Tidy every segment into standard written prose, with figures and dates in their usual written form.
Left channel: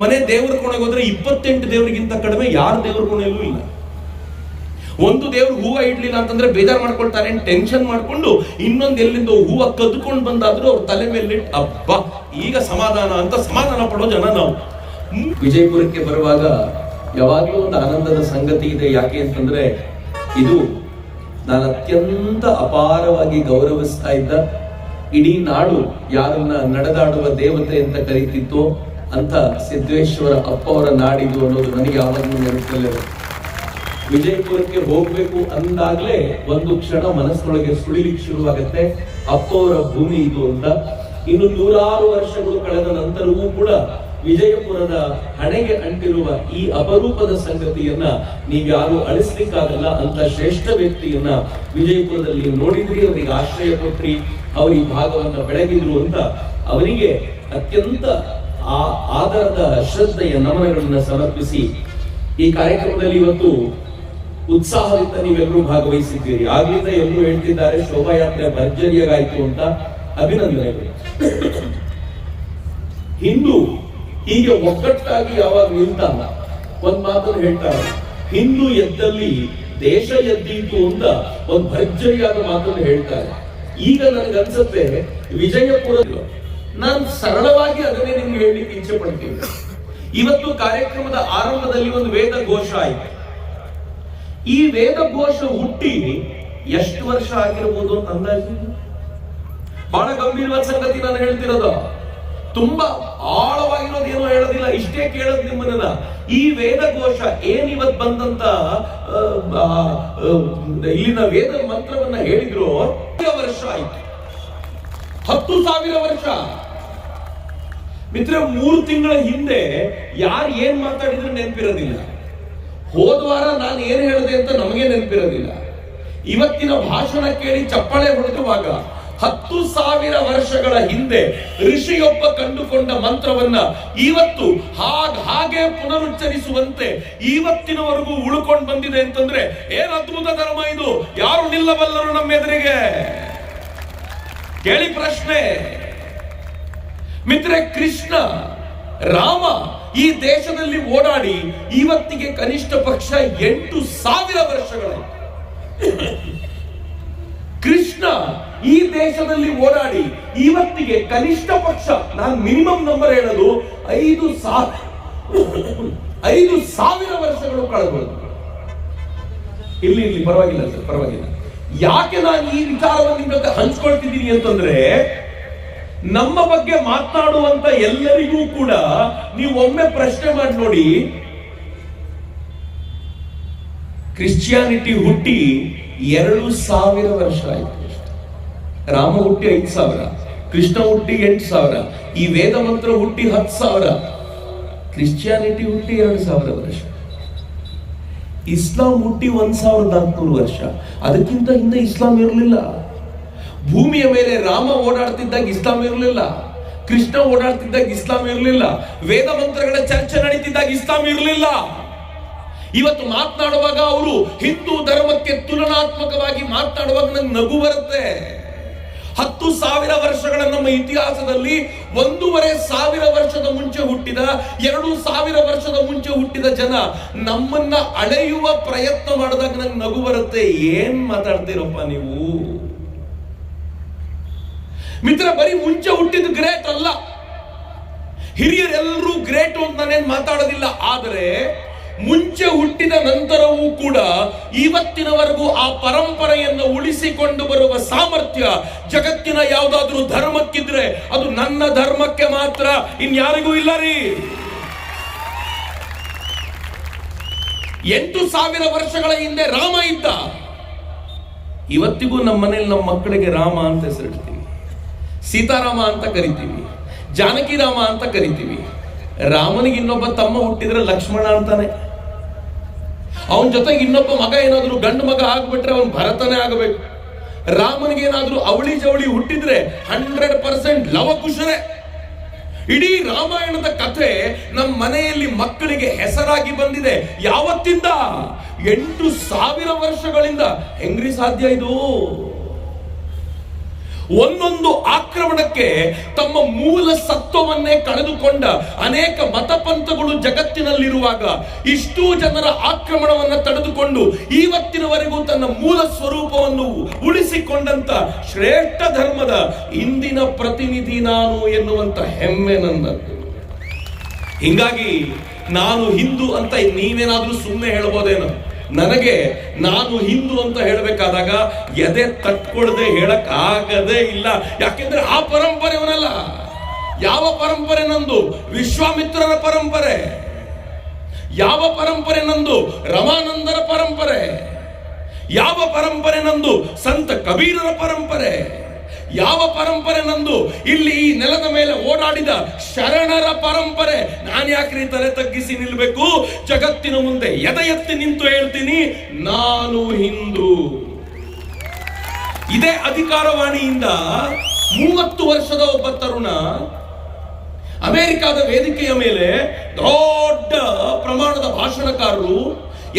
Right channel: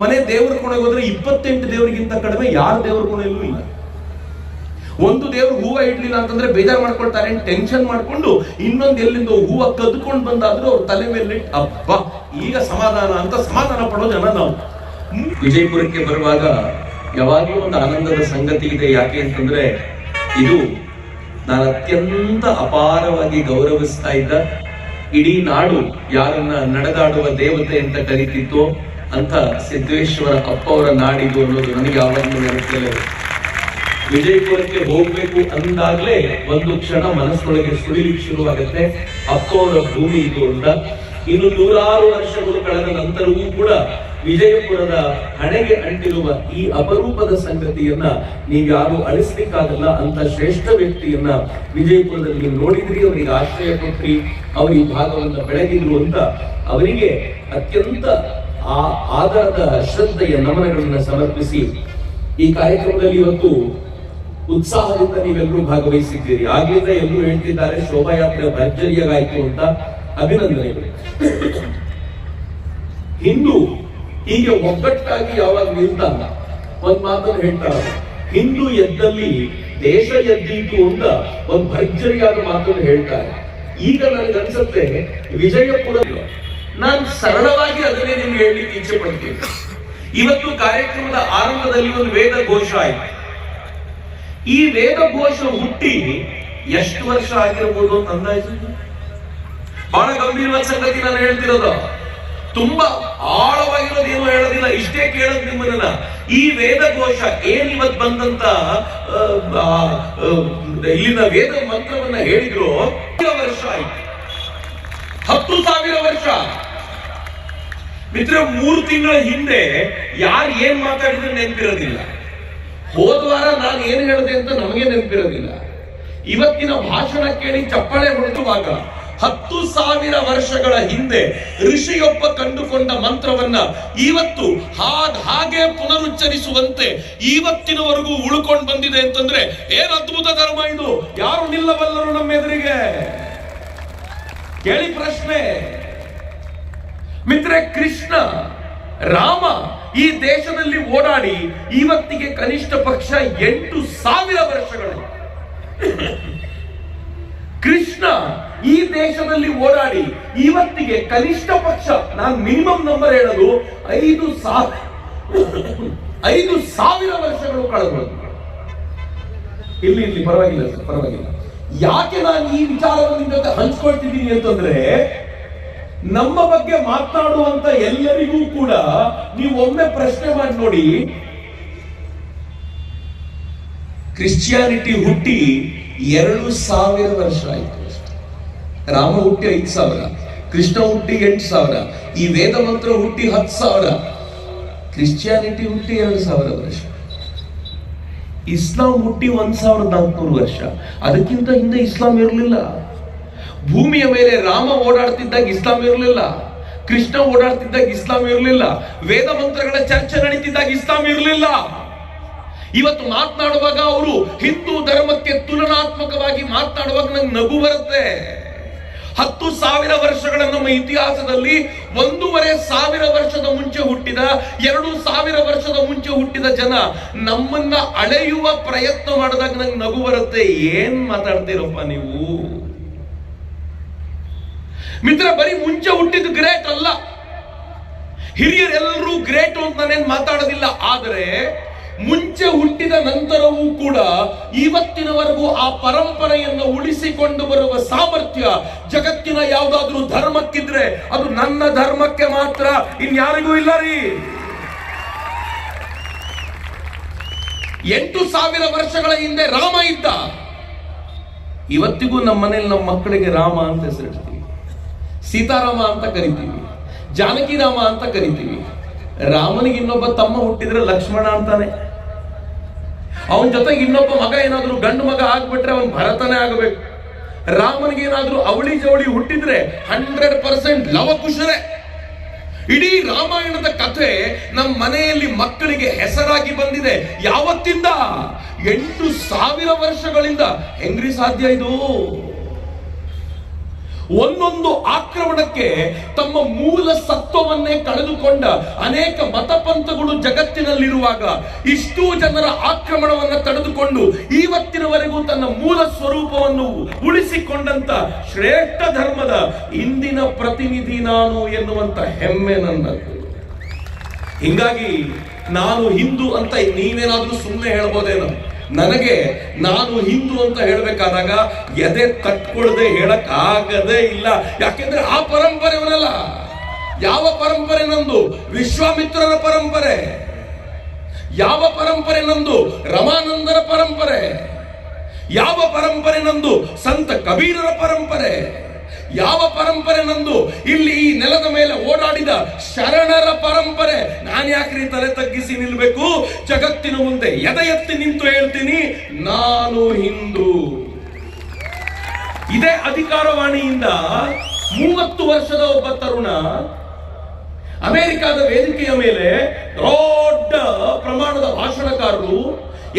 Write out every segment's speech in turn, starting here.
ಮನೆ ದೇವರ ಕೋಣೆಗೆ ಹೋದ್ರೆ 28 ದೇವರಿಗಿಂತ ಕಡಿಮೆ ಯಾರ ದೇವರ ಕೋಣೆಯಲ್ಲೂ ಇಲ್ಲ. ಒಂದು ದೇವ್ರು ಹೂವ ಇಡ್ಲಿಲ್ಲ ಅಂತಂದ್ರೆ ಬೇಜಾರು ಮಾಡ್ಕೊಳ್ತಾರೆ, ಟೆನ್ಷನ್ ಮಾಡ್ಕೊಂಡು ಇನ್ನೊಂದು ಎಲ್ಲಿಂದ ಹೂವ ಕದ್ಕೊಂಡು ಬಂದಾದ್ರೂ ಅವ್ರ ತಲೆ ಮೇಲೆ ಹಬ್ಬ ಈಗ ಸಮಾಧಾನ ಅಂತ ಸಮಾಧಾನ ಪಡೋ ಜನ ನಾವು. ವಿಜಯಪುರಕ್ಕೆ ಬರುವಾಗ ಯಾವಾಗಲೂ ಒಂದು ಆನಂದದ ಸಂಗತಿ ಇದೆ. ಯಾಕೆ ಅಂತಂದ್ರೆ ಇದು ನಾನು ಅತ್ಯಂತ ಅಪಾರವಾಗಿ ಗೌರವಿಸ್ತಾ ಇದ್ದ ಇಡೀ ನಾಡು ಯಾರನ್ನ ನಡೆದಾಡುವ ದೇವತೆ ಅಂತ ಕರೀತಿತ್ತು ಅಂತ ಸಿದ್ದೇಶ್ವರ ಅಪ್ಪ ಅವರ ನಾಡಿದು ಅನ್ನೋದು ನನಗೆ ಯಾವಾಗಲೂ ನೆನಪಲ್ಲೇ. ವಿಜಯಪುರಕ್ಕೆ ಹೋಗ್ಬೇಕು ಅಂದಾಗ್ಲೇ ಒಂದು ಕ್ಷಣ ಮನಸ್ಸೊಳಗೆ ಸುಳಿಲಿಕ್ಕೆ ಶುರುವಾಗುತ್ತೆ, ಅಪ್ಪ ಅವರ ಭೂಮಿ ಇದು ಅಂತ. ಇನ್ನು 100 ವರ್ಷಗಳು ಕಳೆದ ನಂತರವೂ ಕೂಡ ವಿಜಯಪುರದ ಹಣೆಗೆ ಅಂಟಿರುವ ಈ ಅಪರೂಪದ ಸಂಗತಿಯನ್ನ ನೀವ್ಯಾರು ಅಳಿಸ್ಲಿಕ್ಕಾಗಲ್ಲ ಅಂತ ಶ್ರೇಷ್ಠ ವ್ಯಕ್ತಿಯನ್ನ ವಿಜಯಪುರದಲ್ಲಿ ನೋಡಿದ್ರಿ, ಅವರಿಗೆ ಆಶ್ರಯ ಕೊಟ್ರಿ, ಅವರು ಈ ಭಾಗವನ್ನು ಬೆಳಗಿದ್ರು ಅಂತ ಅವರಿಗೆ ಅತ್ಯಂತ ಆಧಾರದ ಶ್ರದ್ಧೆಯ ನಮನಗಳನ್ನು ಸಮರ್ಪಿಸಿ ಈ ಕಾರ್ಯಕ್ರಮದಲ್ಲಿ ಇವತ್ತು ಉತ್ಸಾಹದಿಂದ ನೀವೆಲ್ಲರೂ ಭಾಗವಹಿಸಿದ್ದೀರಿ. ಆಗ್ಲಿಂದ ಎಲ್ಲರೂ ಹೇಳ್ತಿದ್ದಾರೆ ಶೋಭಾಯಾತ್ರೆ ಭರ್ಜರಿಯಾಗಾಯ್ತು ಅಂತ. ಅಭಿನಂದನೆಗಳು. ಹಿಂದೂ ಹೀಗೆ ಒಗ್ಗಟ್ಟಾಗಿ ಯಾವಾಗ ನಿಲ್ತಲ್ಲ, ಒಂದ್ ಮಾತನ್ನು ಹೇಳ್ತಾರೆ, ಹಿಂದೂ ಎದ್ದಲ್ಲಿ ದೇಶ ಎದ್ದೀತು ಅಂತ ಒಂದ್ ಭರ್ಜರಿಯಾದ ಮಾತನ್ನು ಹೇಳ್ತಾರೆ. ಈಗ ನನಗನ್ಸುತ್ತೆ ವಿಜಯಪುರ, ನಾನು ಸರಳವಾಗಿ ಅದನ್ನೇ ನಿಮ್ಗೆ ಹೇಳಲಿಕ್ಕೆ ಇಚ್ಛೆ ಪಡ್ತೀನಿ. ಇವತ್ತು ಕಾರ್ಯಕ್ರಮದ ಆರಂಭದಲ್ಲಿ ಒಂದು ವೇದ ಘೋಷ ಆಯ್ತು. ಈ ವೇದ ಘೋಷ ಹುಟ್ಟಿ ಎಷ್ಟು ವರ್ಷ ಆಗಿರ್ಬೋದು ಅಂತ ಅಂದಾಜು? ಬಹಳ ಗಂಭೀರವಾದ ಸಂಗತಿ ನಾನು ಹೇಳ್ತಿರೋದು, ತುಂಬಾ ಆಳವಾಗಿರೋದು ಏನು ಹೇಳೋದಿಲ್ಲ, ಇಷ್ಟೇ ಕೇಳೋದು ನಿಮ್ಮನ್ನ. ಈ ವೇದ ಘೋಷ ಏನಿವತ್ ಬಂದಂತ ಇಲ್ಲಿನ ವೇದ ಮಂತ್ರವನ್ನ ಹೇಳಿದ್ರು, ವರ್ಷ ಆಯ್ತು, 10,000 ವರ್ಷ. ಮಿತ್ರ, 3 ತಿಂಗಳ ಹಿಂದೆ ಯಾರು ಏನ್ ಮಾತಾಡಿದ್ರು ನೆನಪಿರೋದಿಲ್ಲ. ಹೋದ್ವಾರ ನಾನು ಏನ್ ಹೇಳಿದೆ ಅಂತ ನಮಗೆ ನೆನಪಿರೋದಿಲ್ಲ. ಇವತ್ತಿನ ಭಾಷಣ ಕೇಳಿ ಚಪ್ಪಳೆ ಹೊಡೆದುವಾಗ 10,000 ವರ್ಷಗಳ ಹಿಂದೆ ಋಷಿಯೊಬ್ಬ ಕಂಡುಕೊಂಡ ಮಂತ್ರವನ್ನ ಇವತ್ತು ಹಾಗೆ ಪುನರುಚ್ಚರಿಸುವಂತೆ ಇವತ್ತಿನವರೆಗೂ ಉಳ್ಕೊಂಡು ಬಂದಿದೆ ಅಂತಂದ್ರೆ ಏನ್ ಅದ್ಭುತ ಧರ್ಮ ಇದು! ಯಾರು ನಿಲ್ಲಬಲ್ಲರು ನಮ್ಮ ಎದುರಿಗೆ? ಕೇಳಿ ಪ್ರಶ್ನೆ. ಮಿತ್ರ, ಕೃಷ್ಣ ರಾಮ ಈ ದೇಶದಲ್ಲಿ ಓಡಾಡಿ ಇವತ್ತಿಗೆ ಕನಿಷ್ಠ ಪಕ್ಷ 8,000 ವರ್ಷಗಳು. ಕೃಷ್ಣ ಈ ದೇಶದಲ್ಲಿ ಓಡಾಡಿ ಇವತ್ತಿಗೆ ಕನಿಷ್ಠ ಪಕ್ಷ, ನಾನು ಮಿನಿಮಮ್ ನಂಬರ್ ಹೇಳೋದು 5,000 ವರ್ಷಗಳು ಕಳೆದು. ಇಲ್ಲಿ ಪರವಾಗಿಲ್ಲ ಸರ್, ಪರವಾಗಿಲ್ಲ. ಯಾಕೆ ನಾನು ಈ ವಿಚಾರವನ್ನು ನಿಮ್ಮ ಜೊತೆ ಹಂಚ್ಕೊಳ್ತಿದ್ದೀನಿ ಅಂತಂದ್ರೆ, ನಮ್ಮ ಬಗ್ಗೆ ಮಾತನಾಡುವಂತ ಎಲ್ಲರಿಗೂ ಕೂಡ ನೀವು ಒಮ್ಮೆ ಪ್ರಶ್ನೆ ಮಾಡಿ ನೋಡಿ, ಕ್ರಿಶ್ಚಿಯಾನಿಟಿ ಹುಟ್ಟಿ 2,000 ವರ್ಷ ಆಯ್ತು. ರಾಮ ಹುಟ್ಟಿ 5,000, ಕೃಷ್ಣ ಹುಟ್ಟಿ 8,000, ಈ ವೇದ ಮಂತ್ರ ಹುಟ್ಟಿ 10,000, ಕ್ರಿಶ್ಚಿಯಾನಿಟಿ ಹುಟ್ಟಿ 2,000 ವರ್ಷ, ಇಸ್ಲಾಂ ಹುಟ್ಟಿ 1,400 ವರ್ಷ. ಅದಕ್ಕಿಂತ ಹಿಂದೆ ಇಸ್ಲಾಂ ಇರಲಿಲ್ಲ. ಭೂಮಿಯ ಮೇಲೆ ರಾಮ ಓಡಾಡ್ತಿದ್ದಾಗ ಇಸ್ಲಾಂ ಇರಲಿಲ್ಲ, ಕೃಷ್ಣ ಓಡಾಡ್ತಿದ್ದಾಗ ಇಸ್ಲಾಂ ಇರಲಿಲ್ಲ, ವೇದ ಮಂತ್ರಗಳ ಚರ್ಚೆ ನಡೀತಿದ್ದಾಗ ಇಸ್ಲಾಂ ಇರಲಿಲ್ಲ. ಇವತ್ತು ಮಾತನಾಡುವಾಗ ಅವರು ಹಿಂದೂ ಧರ್ಮಕ್ಕೆ ತುಲನಾತ್ಮಕವಾಗಿ ಮಾತನಾಡುವಾಗ ನಂಗೆ ನಗು ಬರುತ್ತೆ. 10,000 ವರ್ಷಗಳ ನಮ್ಮ ಇತಿಹಾಸದಲ್ಲಿ 1,500 ವರ್ಷದ ಮುಂಚೆ ಹುಟ್ಟಿದ, 2,000 ವರ್ಷದ ಮುಂಚೆ ಹುಟ್ಟಿದ ಜನ ನಮ್ಮನ್ನ ಅಳೆಯುವ ಪ್ರಯತ್ನ ಮಾಡಿದಾಗ ನಂಗೆ ನಗು ಬರುತ್ತೆ. ಏನ್ ಮಾತಾಡ್ತೀರಪ್ಪ ನೀವು? ಮಿತ್ರ, ಬರೀ ಮುಂಚೆ ಹುಟ್ಟಿದ ಗ್ರೇಟ್ ಅಲ್ಲ, ಹಿರಿಯರೆಲ್ಲರೂ ಗ್ರೇಟ್ ಅಂತ ನಾನೇನ್ ಮಾತಾಡೋದಿಲ್ಲ. ಆದರೆ ಮುಂಚೆ ಹುಟ್ಟಿದ ನಂತರವೂ ಕೂಡ ಇವತ್ತಿನವರೆಗೂ ಆ ಪರಂಪರೆಯನ್ನು ಉಳಿಸಿಕೊಂಡು ಬರುವ ಸಾಮರ್ಥ್ಯ ಜಗತ್ತಿನ ಯಾವುದಾದ್ರೂ ಧರ್ಮಕ್ಕಿದ್ರೆ ಅದು ನನ್ನ ಧರ್ಮಕ್ಕೆ ಮಾತ್ರ, ಇನ್ಯಾರಿಗೂ ಇಲ್ಲ ರೀ. 8,000 ವರ್ಷಗಳ ಹಿಂದೆ ರಾಮ ಇದ್ದ. ಇವತ್ತಿಗೂ ನಮ್ಮ ಮನೇಲಿ ನಮ್ಮ ಮಕ್ಕಳಿಗೆ ರಾಮ ಅಂತ ಹೆಸರಿಡ್ತೀವಿ, ಸೀತಾರಾಮ ಅಂತ ಕರಿತೀವಿ, ಜಾನಕಿ ರಾಮ ಅಂತ ಕರಿತೀವಿ. ರಾಮನಿಗೆ ಇನ್ನೊಬ್ಬ ತಮ್ಮ ಹುಟ್ಟಿದ್ರೆ ಲಕ್ಷ್ಮಣ ಅಂತಾನೆ. ಅವನ ಜೊತೆಗೆ ಇನ್ನೊಬ್ಬ ಮಗ ಏನಾದ್ರೂ ಗಂಡು ಮಗ ಆಗ್ಬಿಟ್ರೆ ಅವನ್ ಭರತನೇ ಆಗಬೇಕು. ರಾಮನಿಗೆ ಏನಾದ್ರೂ ಅವಳಿ ಜವಳಿ ಹುಟ್ಟಿದ್ರೆ 100% ಲವಕುಶರೇ. ಇಡೀ ರಾಮಾಯಣದ ಕಥೆ ನಮ್ಮ ಮನೆಯಲ್ಲಿ ಮಕ್ಕಳಿಗೆ ಹೆಸರಾಗಿ ಬಂದಿದೆ. ಯಾವತ್ತಿಂದ? 8,000 ವರ್ಷಗಳಿಂದ. ಹೆಂಗ್ರಿ ಸಾಧ್ಯ ಇದು? ಒಂದೊಂದು ಆಕ್ರಮಣಕ್ಕೆ ತಮ್ಮ ಮೂಲ ಸತ್ವವನ್ನೇ ಕಳೆದುಕೊಂಡ ಅನೇಕ ಮತಪಂಥಗಳು ಜಗತ್ತಿನಲ್ಲಿರುವಾಗ ಇಷ್ಟೂ ಜನರ ಆಕ್ರಮಣವನ್ನು ತಡೆದುಕೊಂಡು ಇವತ್ತಿನವರೆಗೂ ತನ್ನ ಮೂಲ ಸ್ವರೂಪವನ್ನು ಉಳಿಸಿಕೊಂಡಂತ ಶ್ರೇಷ್ಠ ಧರ್ಮದ ಇಂದಿನ ಪ್ರತಿನಿಧಿ ನಾನು ಎನ್ನುವಂತ ಹೆಮ್ಮೆ ನನ್ನದು. ಹಿಂಗಾಗಿ ನಾನು ಹಿಂದೂ ಅಂತ ನೀವೇನಾದ್ರೂ ಸುಮ್ಮನೆ ಹೇಳ್ಬೋದೇನೋ, ನನಗೆ ನಾನು ಹಿಂದೂ ಅಂತ ಹೇಳಬೇಕಾದಾಗ ಎದೆ ತಟ್ಕೊಳ್ಳದೆ ಹೇಳಕ್ ಆಗದೇ ಇಲ್ಲ. ಯಾಕೆಂದ್ರೆ ಆ ಪರಂಪರೆವನಲ್ಲ. ಯಾವ ಪರಂಪರೆ ನಂದು? ವಿಶ್ವಾಮಿತ್ರರ ಪರಂಪರೆ. ಯಾವ ಪರಂಪರೆ ನಂದು? ರಮಾನಂದರ ಪರಂಪರೆ. ಯಾವ ಪರಂಪರೆ ನಂದು? ಸಂತ ಕಬೀರರ ಪರಂಪರೆ. ಯಾವ ಪರಂಪರೆ ನಂದು? ಇಲ್ಲಿ ಈ ನೆಲದ ಮೇಲೆ ಓಡಾಡಿದ ಶರಣರ ಪರಂಪರೆ. ನಾನು ಯಾಕ್ರಿ ತಲೆ ತಗ್ಗಿಸಿ ನಿಲ್ಬೇಕು? ಜಗತ್ತಿನ ಮುಂದೆ ಎದೆ ಎತ್ತಿ ನಿಂತು ಹೇಳ್ತೀನಿ, ನಾನು ಹಿಂದೂ. ಇದೇ ಅಧಿಕಾರವಾಣಿಯಿಂದ 30 ವರ್ಷದ ಒಬ್ಬ ತರುಣ ಅಮೆರಿಕದ ವೇದಿಕೆಯ ಮೇಲೆ ದೊಡ್ಡ ಪ್ರಮಾಣದ ಭಾಷಣಕಾರರು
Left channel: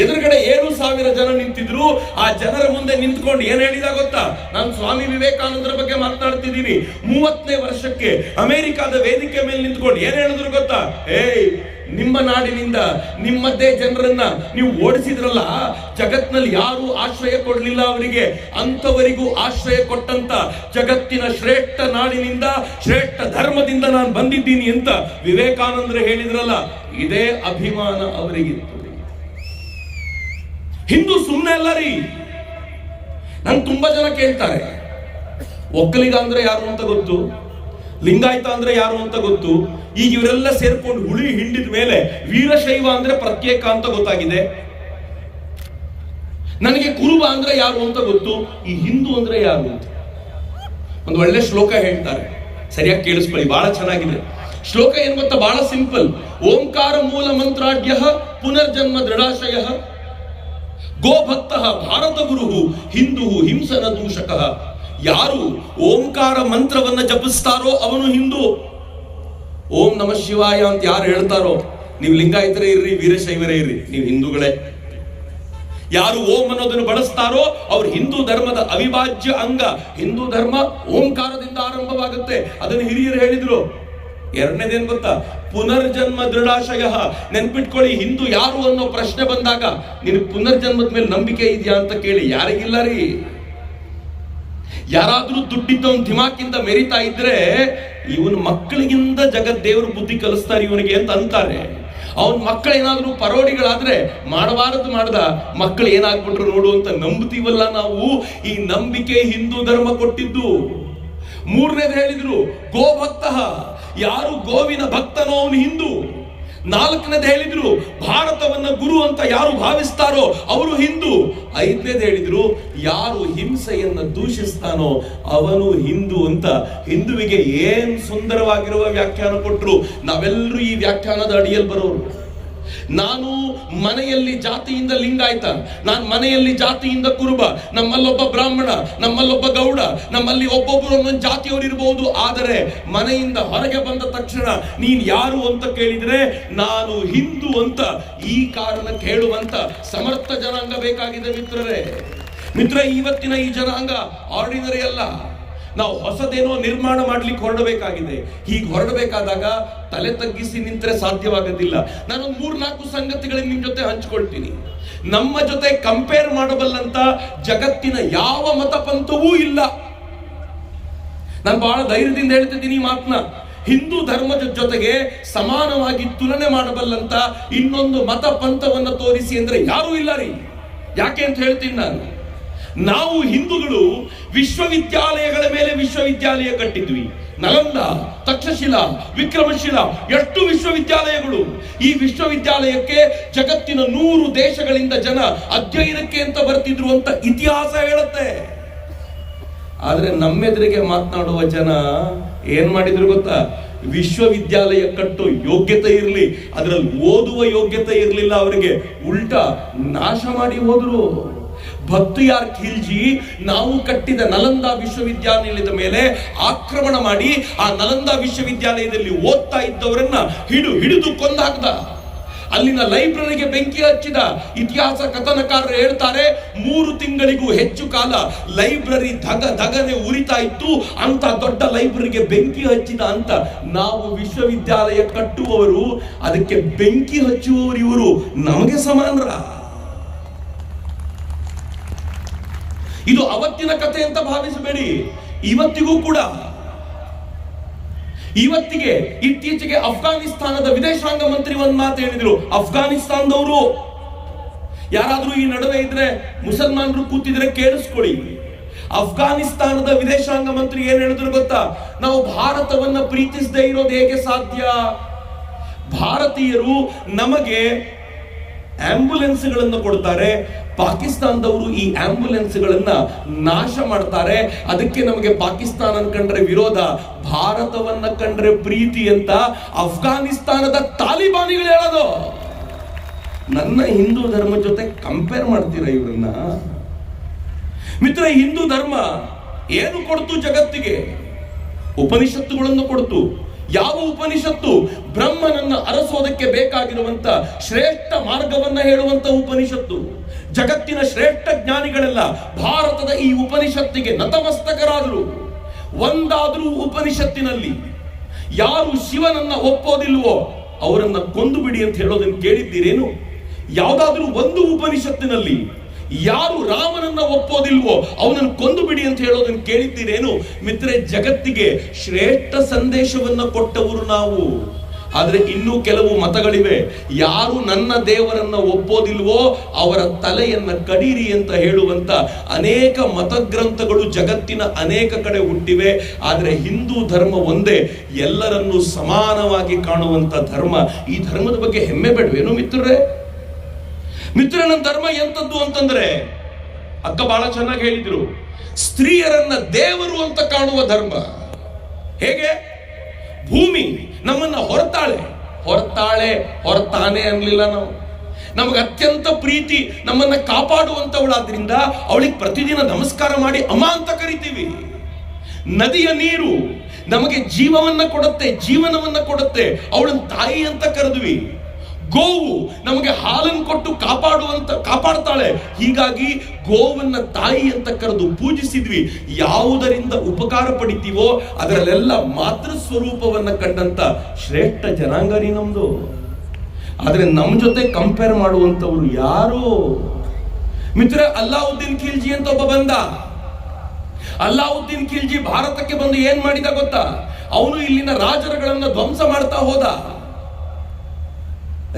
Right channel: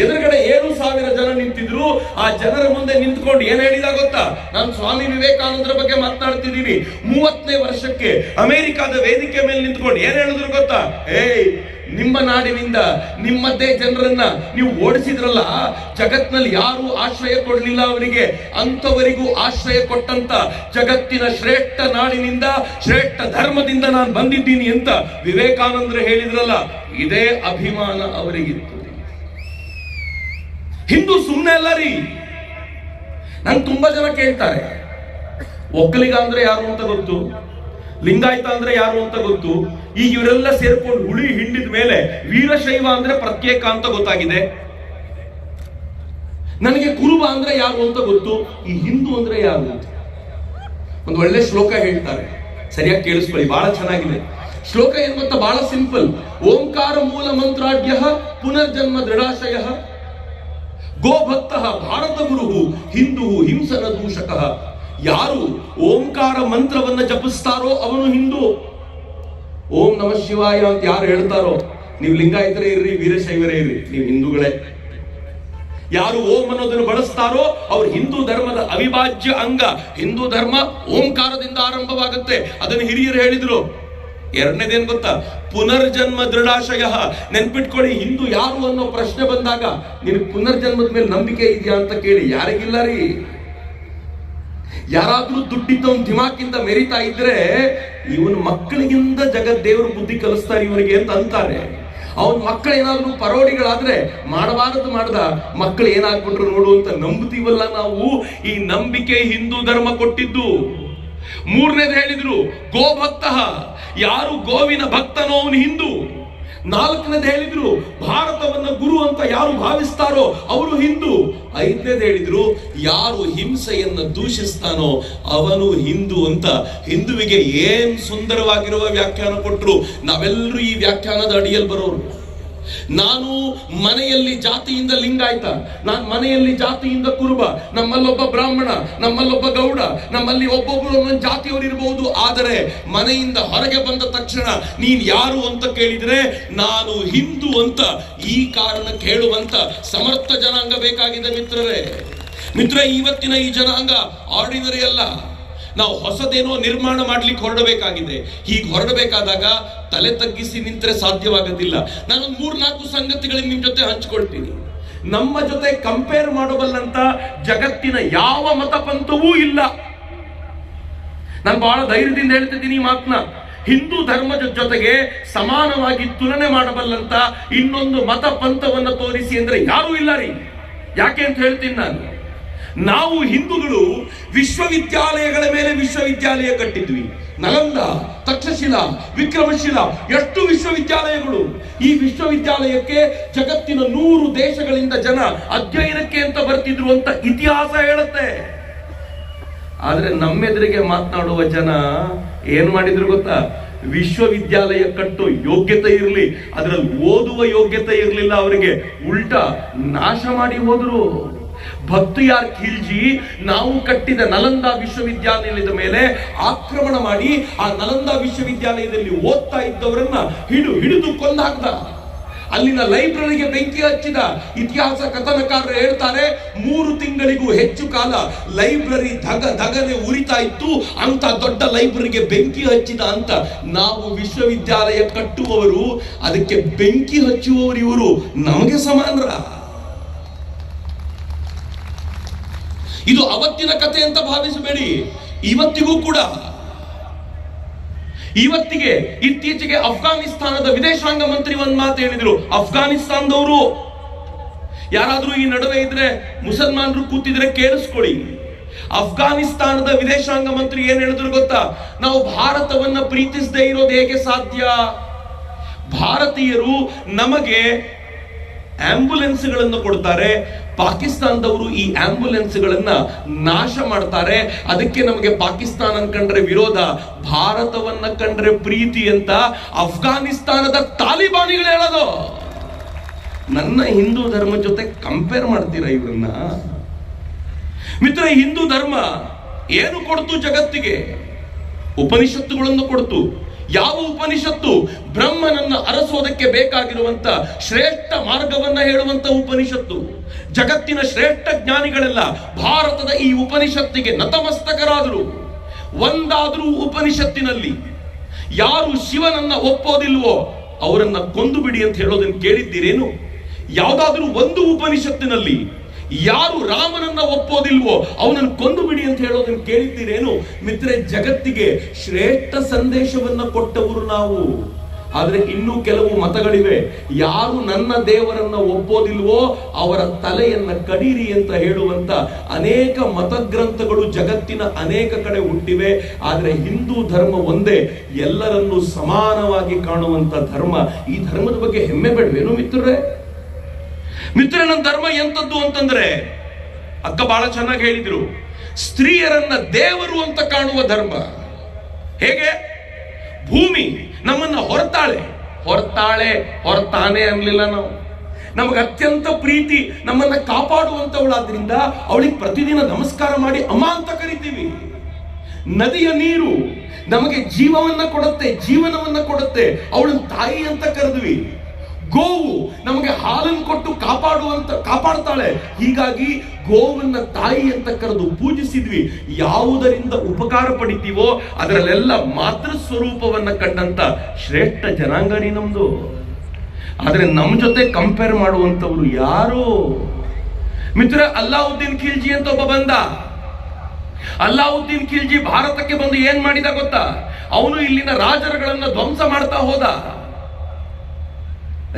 ಎದುರುಗಡೆ 7,000 ಜನ ನಿಂತಿದ್ರು. ಆ ಜನರ ಮುಂದೆ ನಿಂತ್ಕೊಂಡು ಏನ್ ಹೇಳಿದ ಗೊತ್ತಾ? ನಾನು ಸ್ವಾಮಿ ವಿವೇಕಾನಂದರ ಬಗ್ಗೆ ಮಾತನಾಡ್ತಿದ್ದೀನಿ. 30ನೇ ವರ್ಷಕ್ಕೆ ಅಮೆರಿಕದ ವೇದಿಕೆ ಮೇಲೆ ನಿಂತ್ಕೊಂಡು ಏನ್ ಹೇಳಿದ್ರು ಗೊತ್ತಾ? ನಿಮ್ಮ ನಾಡಿನಿಂದ ನಿಮ್ಮದೇ ಜನರನ್ನ ನೀವು ಓಡಿಸಿದ್ರಲ್ಲ, ಜಗತ್ನಲ್ಲಿ ಯಾರು ಆಶ್ರಯ ಕೊಡ್ಲಿಲ್ಲ ಅವರಿಗೆ, ಅಂತವರಿಗೂ ಆಶ್ರಯ ಕೊಟ್ಟಂತ ಜಗತ್ತಿನ ಶ್ರೇಷ್ಠ ನಾಡಿನಿಂದ ಶ್ರೇಷ್ಠ ಧರ್ಮದಿಂದ ನಾನು ಬಂದಿದ್ದೀನಿ ಅಂತ ವಿವೇಕಾನಂದರು ಹೇಳಿದ್ರಲ್ಲ, ಇದೇ ಅಭಿಮಾನ ಅವರಿಗಿತ್ತು. ಹಿಂದೂ ಸುಮ್ಮನೆ ಅಲ್ಲ ರೀ. ನನ್ ತುಂಬಾ ಜನ ಕೇಳ್ತಾರೆ, ಒಕ್ಕಲಿಗ ಅಂದ್ರೆ ಯಾರು ಅಂತ ಗೊತ್ತು, ಲಿಂಗಾಯತ ಅಂದ್ರೆ ಯಾರು ಅಂತ ಗೊತ್ತು, ಈಗ ಇವರೆಲ್ಲ ಸೇರ್ಕೊಂಡು ಹುಳಿ ಹಿಂಡಿದ ಮೇಲೆ ವೀರಶೈವ ಅಂದ್ರೆ ಪ್ರತ್ಯೇಕ ಅಂತ ಗೊತ್ತಾಗಿದೆ. ನನಗೆ ಕುರುಬ ಅಂದ್ರೆ ಯಾರು ಅಂತ ಗೊತ್ತು, ಈ ಹಿಂದೂ ಅಂದ್ರೆ ಯಾರು ಅಂತ. ಒಂದು ಒಳ್ಳೆ ಶ್ಲೋಕ ಹೇಳ್ತಾರೆ, ಸರಿಯಾಗಿ ಕೇಳಿಸ್ಕೊಳ್ಳಿ, ಬಹಳ ಚೆನ್ನಾಗಿದೆ ಶ್ಲೋಕ. ಏನ್ ಗೊತ್ತಾ? ಬಹಳ ಸಿಂಪಲ್. ಓಂಕಾರ ಮೂಲ ಮಂತ್ರಾಢ್ಯ ಪುನರ್ಜನ್ಮ ದೃಢಾಶಯ ಗೋಭಕ್ತ ಭಾರತ ಗುರು ಹಿಂದೂ ಹಿಂಸನ ದೂಷಕ. ಯಾರು ಓಂಕಾರ ಮಂತ್ರವನ್ನ ಜಪಿಸ್ತಾರೋ ಅವನು ಹಿಂದೂ. ಓಂ ನಮ ಶಿವಾಯ ಅಂತ ಯಾರು ಹೇಳ್ತಾರೋ, ನೀವು ಲಿಂಗಾಯತರೇ ಇರ್ರಿ, ವೀರಶೈವರೇ ಇರ್ರಿ, ನೀವು ಹಿಂದೂಗಳೇ. ಯಾರು ಓಂ ಅನ್ನೋದನ್ನು ಬಳಸ್ತಾರೋ ಅವ್ರು ಹಿಂದೂ ಧರ್ಮದ ಅವಿಭಾಜ್ಯ ಅಂಗ. ಹಿಂದೂ ಧರ್ಮ ಓಂಕಾರದಿಂದ ಆರಂಭವಾಗುತ್ತೆ, ಅದನ್ನು ಹಿರಿಯರು ಹೇಳಿದ್ರು. ಎರಡನೇದೇನ್ ಗೊತ್ತಾ? ಪುನರ್ಜನ್ಮ ದೃಢಾಶಯ. ನೆನ್ಪಿಟ್ಕೊಳ್ಳಿ, ಹಿಂದೂ ಯಾರು ಅನ್ನೋ ಪ್ರಶ್ನೆ ಬಂದಾಗ ನಿನ್ ಪುನರ್ಜನ್ಮದ ಮೇಲೆ ನಂಬಿಕೆ ಇದೆಯಾ ಅಂತ ಕೇಳಿ. ಯಾರಿಗಿಲ್ಲ ರೀ. ಯಾರಾದ್ರೂ ದುಡ್ಡಿದ್ದವನ್ ದಿಮಾಕಿಂದ ಮೆರಿತಾ ಇದ್ರೆ ಇವನ್ ಮಕ್ಕಳಿಗಿಂತ ಜಗತ್ ದೇವರು ಬುದ್ಧಿ ಕಲಿಸ್ತಾರೆ ಇವನಿಗೆ ಅಂತ ಅಂತಾರೆ. ಅವನ್ ಮಕ್ಕಳೇನಾದ್ರೂ ಪರೋಡಿಗಳಾದ್ರೆ ಮಾಡಬಾರದು ಮಾಡ್ದ ಮಕ್ಕಳು ಏನಾಗ್ಬಿಟ್ರು ನೋಡು ಅಂತ ನಂಬ್ತೀವಲ್ಲ ನಾವು. ಈ ನಂಬಿಕೆ ಹಿಂದೂ ಧರ್ಮ ಕೊಟ್ಟಿದ್ದು. ಮೂರನೇದು ಹೇಳಿದ್ರು ಗೋಭಕ್ತ. ಯಾರು ಗೋವಿನ ಭಕ್ತನೋ ಅವನು ಹಿಂದೂ. ನಾಲ್ಕನೇದು ಹೇಳಿದ್ರು ಭಾರತವನ್ನ ಗುರು ಅಂತ ಯಾರು ಭಾವಿಸ್ತಾರೋ ಅವರು ಹಿಂದೂ. ಐದನೇದು ಹೇಳಿದ್ರು ಯಾರು ಹಿಂಸೆಯನ್ನ ದೂಷಿಸ್ತಾನೋ ಅವನು ಹಿಂದೂ ಅಂತ. ಹಿಂದುವಿಗೆ ಏನ್ ಸುಂದರವಾಗಿರುವ ವ್ಯಾಖ್ಯಾನ ಕೊಟ್ರು. ನಾವೆಲ್ಲರೂ ಈ ವ್ಯಾಖ್ಯಾನದ ಅಡಿಯಲ್ಲಿ ಬರೋರು. ನಾನು ಮನೆಯಲ್ಲಿ ಜಾತಿಯಿಂದ ಲಿಂಗಾಯತ, ನಾನು ಮನೆಯಲ್ಲಿ ಜಾತಿಯಿಂದ ಕುರುಬ, ನಮ್ಮಲ್ಲೊಬ್ಬ ಬ್ರಾಹ್ಮಣ, ನಮ್ಮಲ್ಲೊಬ್ಬ ಗೌಡ, ನಮ್ಮಲ್ಲಿ ಒಬ್ಬೊಬ್ಬರು ಒಂದೊಂದು ಜಾತಿಯವರು ಇರಬಹುದು. ಆದರೆ ಮನೆಯಿಂದ ಹೊರಗೆ ಬಂದ ತಕ್ಷಣ ನೀನ್ ಯಾರು ಅಂತ ಕೇಳಿದ್ರೆ ನಾನು ಹಿಂದೂ ಅಂತ ಈ ಕಾರಣ ಕೇಳುವಂತ ಸಮರ್ಥ ಜನಾಂಗ ಬೇಕಾಗಿದೆ ಮಿತ್ರರೇ. ಮಿತ್ರ, ಇವತ್ತಿನ ಈ ಜನಾಂಗ ಆರ್ಡಿನರಿ ಅಲ್ಲ. ನಾವು ಹೊಸದೇನೋ ನಿರ್ಮಾಣ ಮಾಡ್ಲಿಕ್ಕೆ ಹೊರಡಬೇಕಾಗಿದೆ. ಹೀಗೆ ಹೊರಡಬೇಕಾದಾಗ ತಲೆ ತಗ್ಗಿಸಿ ನಿಂತರೆ ಸಾಧ್ಯವಾಗೋದಿಲ್ಲ. ನಾನೊಂದು 3-4 ಸಂಗತಿಗಳನ್ನು ನಿಮ್ ಜೊತೆ ಹಂಚ್ಕೊಳ್ತೀನಿ. ನಮ್ಮ ಜೊತೆ ಕಂಪೇರ್ ಮಾಡಬಲ್ಲಂತ ಜಗತ್ತಿನ ಯಾವ ಮತಪಂಥವೂ ಇಲ್ಲ. ನಾನು ಬಹಳ ಧೈರ್ಯದಿಂದ ಹೇಳ್ತಿದ್ದೀನಿ ಈ ಮಾತನ್ನ. ಹಿಂದೂ ಧರ್ಮದ ಜೊತೆಗೆ ಸಮಾನವಾಗಿ ತುಲನೆ ಮಾಡಬಲ್ಲಂತ ಇನ್ನೊಂದು ಮತ ಪಂಥವನ್ನು ತೋರಿಸಿ ಅಂದ್ರೆ ಯಾರೂ ಇಲ್ಲ ರೀ. ಯಾಕೆ ಅಂತ ಹೇಳ್ತೀನಿ ನಾನು. ನಾವು ಹಿಂದೂಗಳು ವಿಶ್ವವಿದ್ಯಾಲಯಗಳ ಮೇಲೆ ವಿಶ್ವವಿದ್ಯಾಲಯ ಕಟ್ಟಿದ್ವಿ. ನಲಂದ, ತಕ್ಷಶಿಲಾ, ವಿಕ್ರಮಶಿಲಾ, ಎಷ್ಟು ವಿಶ್ವವಿದ್ಯಾಲಯಗಳು. ಈ ವಿಶ್ವವಿದ್ಯಾಲಯಕ್ಕೆ ಜಗತ್ತಿನ 100 ದೇಶಗಳಿಂದ ಜನ ಅಧ್ಯಯನಕ್ಕೆ ಅಂತ ಬರ್ತಿದ್ರು ಅಂತ ಇತಿಹಾಸ ಹೇಳುತ್ತೆ. ಆದ್ರೆ ನಮ್ಮೆದುರಿಗೆ ಮಾತನಾಡುವ ಜನ ಏನ್ ಮಾಡಿದ್ರು ಗೊತ್ತಾ? ವಿಶ್ವವಿದ್ಯಾಲಯ ಕಟ್ಟೋ ಯೋಗ್ಯತೆ ಇರಲಿ, ಅದರಲ್ಲಿ ಓದುವ ಯೋಗ್ಯತೆ ಇರಲಿಲ್ಲ ಅವರಿಗೆ. ಉಲ್ಟಾ ನಾಶ ಮಾಡಿ ಹೋದ್ರು. ಭಕ್ತಿಯಾರ್ ಖಿಲ್ಜಿ ನಾವು ಕಟ್ಟಿದ ನಲಂದ ವಿಶ್ವವಿದ್ಯಾಲಯದ ಮೇಲೆ ಆಕ್ರಮಣ ಮಾಡಿ ಆ ನಲಂದ ವಿಶ್ವವಿದ್ಯಾಲಯದಲ್ಲಿ ಓದ್ತಾ ಇದ್ದವರನ್ನ ಹಿಡಿದು ಕೊಂದಾಕ್ದ. ಅಲ್ಲಿನ ಲೈಬ್ರರಿಗೆ ಬೆಂಕಿ ಹಚ್ಚಿದ. ಇತಿಹಾಸ ಕಥನಕಾರರು ಹೇಳ್ತಾರೆ 3 ತಿಂಗಳಿಗೂ ಹೆಚ್ಚು ಕಾಲ ಲೈಬ್ರರಿ ಧಗನೆ ಉರಿತಾ ಇತ್ತು. ಅಂತ ದೊಡ್ಡ ಲೈಬ್ರರಿಗೆ ಬೆಂಕಿ ಹಚ್ಚಿದ ಅಂತ. ನಾವು ವಿಶ್ವವಿದ್ಯಾಲಯ ಕಟ್ಟುವವರು, ಅದಕ್ಕೆ ಬೆಂಕಿ ಹಚ್ಚುವವರು ಇವರು ನಮಗೆ ಸಮಾನರ? ಇದು ಅವತ್ತಿನ ಕಥೆ ಅಂತ ಭಾವಿಸಬೇಡಿ. ಇವತ್ತಿಗೂ ಕೂಡ, ಇವತ್ತಿಗೆ ಇತ್ತೀಚೆಗೆ ಅಫ್ಘಾನಿಸ್ತಾನದ ವಿದೇಶಾಂಗ ಮಂತ್ರಿ ಒಂದು ಮಾತು ಹೇಳಿದ್ರು. ಅಫ್ಘಾನಿಸ್ತಾನದವರು ಯಾರಾದ್ರೂ ಈ ನಡುವೆ ಇದ್ರೆ, ಮುಸಲ್ಮಾನರು ಕೂತಿದ್ರೆ ಕೇಳಿಸ್ಕೊಳ್ಳಿ. ಅಫ್ಘಾನಿಸ್ತಾನದ ವಿದೇಶಾಂಗ ಮಂತ್ರಿ ಏನ್ ಹೇಳಿದ್ರು ಗೊತ್ತಾ? ನಾವು ಭಾರತವನ್ನ ಪ್ರೀತಿಸದೇ ಇರೋದು ಹೇಗೆ ಸಾಧ್ಯ? ಭಾರತೀಯರು ನಮಗೆ ಆಂಬ್ಯುಲೆನ್ಸ್ಗಳನ್ನು ಕೊಡ್ತಾರೆ, ಪಾಕಿಸ್ತಾನದವರು ಈ ಆಂಬ್ಯುಲೆನ್ಸ್ಗಳನ್ನ ನಾಶ ಮಾಡ್ತಾರೆ. ಅದಕ್ಕೆ ನಮಗೆ ಪಾಕಿಸ್ತಾನ ಕಂಡ್ರೆ ವಿರೋಧ, ಭಾರತವನ್ನ ಕಂಡ್ರೆ ಪ್ರೀತಿ ಅಂತ ಅಫ್ಘಾನಿಸ್ತಾನದ ತಾಲಿಬಾನಿಗಳು ಹೇಳೋದು. ನನ್ನ ಹಿಂದೂ ಧರ್ಮ ಜೊತೆ ಕಂಪೇರ್ ಮಾಡ್ತೀರಾ ಇವರನ್ನ? ಮಿತ್ರ, ಹಿಂದೂ ಧರ್ಮ ಏನು ಕೊಡ್ತು ಜಗತ್ತಿಗೆ? ಉಪನಿಷತ್ತುಗಳನ್ನು ಕೊಡ್ತು. ಯಾವ ಉಪನಿಷತ್ತು? ಬ್ರಹ್ಮನನ್ನ ಅರಸೋದಕ್ಕೆ ಬೇಕಾಗಿರುವಂತ ಶ್ರೇಷ್ಠ ಮಾರ್ಗವನ್ನ ಹೇಳುವಂತ ಉಪನಿಷತ್ತು. ಜಗತ್ತಿನ ಶ್ರೇಷ್ಠ ಜ್ಞಾನಿಗಳೆಲ್ಲ ಭಾರತದ ಈ ಉಪನಿಷತ್ತಿಗೆ ನತಮಸ್ತಕರಾದರು. ಒಂದಾದ್ರೂ ಉಪನಿಷತ್ತಿನಲ್ಲಿ ಯಾರು ಶಿವನನ್ನ ಒಪ್ಪೋದಿಲ್ವೋ ಅವರನ್ನ ಕೊಂದು ಬಿಡಿ ಅಂತ ಹೇಳೋದನ್ನು ಕೇಳಿದ್ದೀರೇನು? ಯಾವುದಾದ್ರೂ ಒಂದು ಉಪನಿಷತ್ತಿನಲ್ಲಿ ಯಾರು ರಾಮನನ್ನ ಒಪ್ಪೋದಿಲ್ವೋ ಅವನನ್ನು ಕೊಂದು ಬಿಡಿ ಅಂತ ಹೇಳೋದನ್ನು ಕೇಳಿದ್ದೀರೇನು? ಮಿತ್ರೆ, ಜಗತ್ತಿಗೆ ಶ್ರೇಷ್ಠ ಸಂದೇಶವನ್ನ ಕೊಟ್ಟವರು ನಾವು. ಆದ್ರೆ ಇನ್ನೂ ಕೆಲವು ಮತಗಳಿವೆ. ಯಾರು ನನ್ನ ದೇವರನ್ನ ಒಪ್ಪೋದಿಲ್ವೋ ಅವರ ತಲೆಯನ್ನ ಕಡೀರಿ ಅಂತ ಹೇಳುವಂತ ಅನೇಕ ಮತಗ್ರಂಥಗಳು ಜಗತ್ತಿನ ಅನೇಕ ಕಡೆ ಹುಟ್ಟಿವೆ. ಆದ್ರೆ ಹಿಂದೂ ಧರ್ಮ ಒಂದೇ, ಎಲ್ಲರನ್ನೂ ಸಮಾನವಾಗಿ ಕಾಣುವಂತ ಧರ್ಮ. ಈ ಧರ್ಮದ ಬಗ್ಗೆ ಹೆಮ್ಮೆ ಬೇಡವೇನು ಮಿತ್ರರೇ? ಮಿತ್ರ, ನನ್ನ ಧರ್ಮ ಎಂತದ್ದು ಅಂತಂದ್ರೆ, ಅಕ್ಕ ಬಹಳ ಚೆನ್ನಾಗಿ ಹೇಳಿದ್ರು, ಸ್ತ್ರೀಯರನ್ನ ದೇವರು ಅಂತ ಕಾಣುವ ಧರ್ಮ. ಹೇಗೆ? ಭೂಮಿ ನಮ್ಮನ್ನ ಹೊರತಾನೆ ಅನ್ಲಿಲ್ಲ ನಾವು. ನಮಗೆ ಅತ್ಯಂತ ಪ್ರೀತಿ, ನಮ್ಮನ್ನ ಕಾಪಾಡುವಂತವಳಾದ್ರಿಂದ ಅವಳಿಗೆ ಪ್ರತಿದಿನ ನಮಸ್ಕಾರ ಮಾಡಿ ಅಮ್ಮ ಅಂತ ಕರಿತೀವಿ. ನದಿಯ ನೀರು ನಮಗೆ ಜೀವವನ್ನ ಕೊಡುತ್ತೆ, ಜೀವನವನ್ನ ಕೊಡುತ್ತೆ, ಅವಳನ್ನ ತಾಯಿ ಅಂತ ಕರೆದ್ವಿ. ಗೋವು ನಮಗೆ ಹಾಲನ್ನು ಕೊಟ್ಟು ಕಾಪಾಡ್ತಾಳೆ, ಹೀಗಾಗಿ ಗೋವನ್ನ ತಾಯಿ ಅಂತ ಕರೆದು ಪೂಜಿಸಿದ್ವಿ. ಯಾವುದರಿಂದ ಉಪಕಾರ ಪಡಿತೀವೋ ಅದರಲ್ಲೆಲ್ಲ ಮಾತೃ ಸ್ವರೂಪವನ್ನ ಕಂಡಂತ ಶ್ರೇಷ್ಠ ಜನಾಂಗರಿ ನಮ್ದು. ಆದ್ರೆ ನಮ್ ಜೊತೆ ಕಂಪೇರ್ ಮಾಡುವಂತವ್ರು ಯಾರು? ಮಿತ್ರ, ಅಲ್ಲಾವುದ್ದೀನ್ ಖಿಲ್ಜಿ ಅಂತ ಒಬ್ಬ ಬಂದ. ಅಲ್ಲಾವುದ್ದೀನ್ ಖಿಲ್ಜಿ ಭಾರತಕ್ಕೆ ಬಂದು ಏನ್ ಮಾಡಿದ ಗೊತ್ತಾ? ಅವನು ಇಲ್ಲಿನ ರಾಜರುಗಳನ್ನ ಧ್ವಂಸ ಮಾಡ್ತಾ ಹೋದ.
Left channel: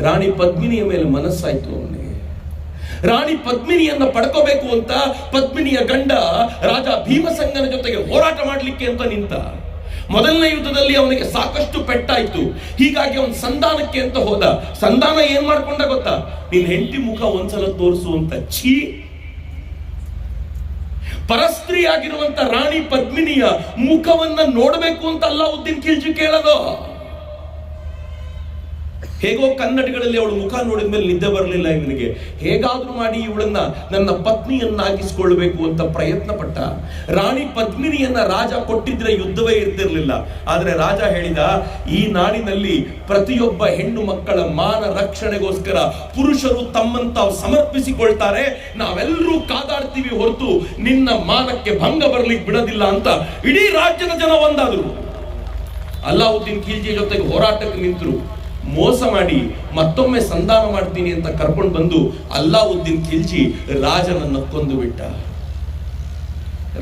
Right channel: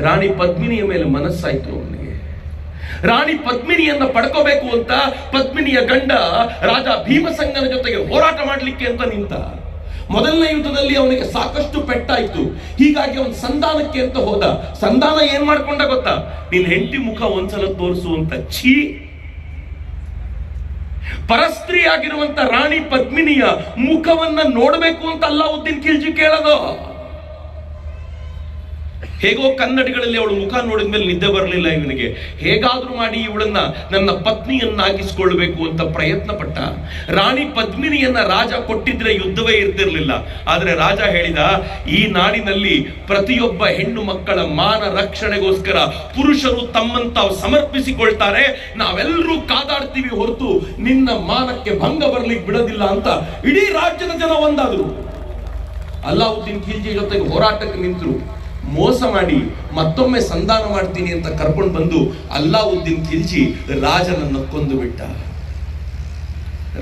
ರಾಣಿ ಪದ್ಮಿನಿಯ ಮೇಲೆ ಮನಸ್ಸಾಯ್ತು ಅವನಿಗೆ. ರಾಣಿ ಪದ್ಮಿನಿಯನ್ನ ಪಡ್ಕೋಬೇಕು ಅಂತ ಪದ್ಮಿನಿಯ ಗಂಡ ರಾಜ ಭೀಮಸಂಗನ ಜೊತೆಗೆ ಹೋರಾಟ ಮಾಡ್ಲಿಕ್ಕೆ ಅಂತ ನಿಂತ. ಮೊದಲನೇ ಯುದ್ಧದಲ್ಲಿ ಅವನಿಗೆ ಸಾಕಷ್ಟು ಪೆಟ್ಟಾಯ್ತು. ಹೀಗಾಗಿ ಅವನು ಸಂಧಾನಕ್ಕೆ ಅಂತ ಹೋದ. ಸಂಧಾನ ಏನ್ ಮಾಡ್ಕೊಂಡ ಗೊತ್ತಾ? ನಿನ್ ಹೆಂಡತಿ ಮುಖ ಒಂದ್ಸಲ ತೋರಿಸು ಅಂತ. ಛೀ! ಪರಸ್ತ್ರೀ ಆಗಿರುವಂತ ರಾಣಿ ಪದ್ಮಿನಿಯ ಮುಖವನ್ನ ನೋಡಬೇಕು ಅಂತ ಅಲ್ಲಾವುದ್ದೀನ್ ಖಿಲ್ಜಿ ಕೇಳೋದು. ಹೇಗೋ ಕನ್ನಡಿಗಳಲ್ಲಿ ಅವಳು ಮುಖ ನೋಡಿದ ಮೇಲೆ ನಿದ್ದೆ ಬರಲಿಲ್ಲ ಇವನಿಗೆ. ಹೇಗಾದ್ರೂ ಮಾಡಿ ಇವಳನ್ನ ನನ್ನ ಪತ್ನಿಯನ್ನಾಗಿಸಿಕೊಳ್ಳಬೇಕು ಅಂತ ಪ್ರಯತ್ನ ಪಟ್ಟ. ರಾಣಿ ಪದ್ಮಿನಿಯನ್ನ ರಾಜ ಕೊಟ್ಟಿದ್ರೆ ಯುದ್ಧವೇ ಇರ್ತಿರ್ಲಿಲ್ಲ. ಆದ್ರೆ ರಾಜ ಹೇಳಿದ, ಈ ನಾಡಿನಲ್ಲಿ ಪ್ರತಿಯೊಬ್ಬ ಹೆಣ್ಣು ಮಕ್ಕಳ ಮಾನ ರಕ್ಷಣೆಗೋಸ್ಕರ ಪುರುಷರು ತಮ್ಮನ್ನು ತಾವು ಸಮರ್ಪಿಸಿಕೊಳ್ತಾರೆ, ನಾವೆಲ್ಲರೂ ಕಾದಾಡ್ತೀವಿ ಹೊರತು ನಿನ್ನ ಮಾನಕ್ಕೆ ಭಂಗ ಬರ್ಲಿಕ್ಕೆ ಬಿಡೋದಿಲ್ಲ ಅಂತ ಇಡೀ ರಾಜ್ಯದ ಜನ ಒಂದಾದ್ರು. ಅಲ್ಲಾವುದ್ದೀನ್ ಖಿಲ್ಜಿ ಜೊತೆಗೆ ಹೋರಾಟಕ್ಕೆ ನಿಂತರು. ಮೋಸ ಮಾಡಿ ಮತ್ತೊಮ್ಮೆ ಸಂಧಾನ ಮಾಡ್ತೀನಿ ಅಂತ ಕರ್ಕೊಂಡು ಬಂದು ಅಲ್ಲಾವುದ್ದೀನ್ ಖಿಲ್ಜಿ ರಾಜನನ್ನ ಕೊಂದು ಬಿಟ್ಟ.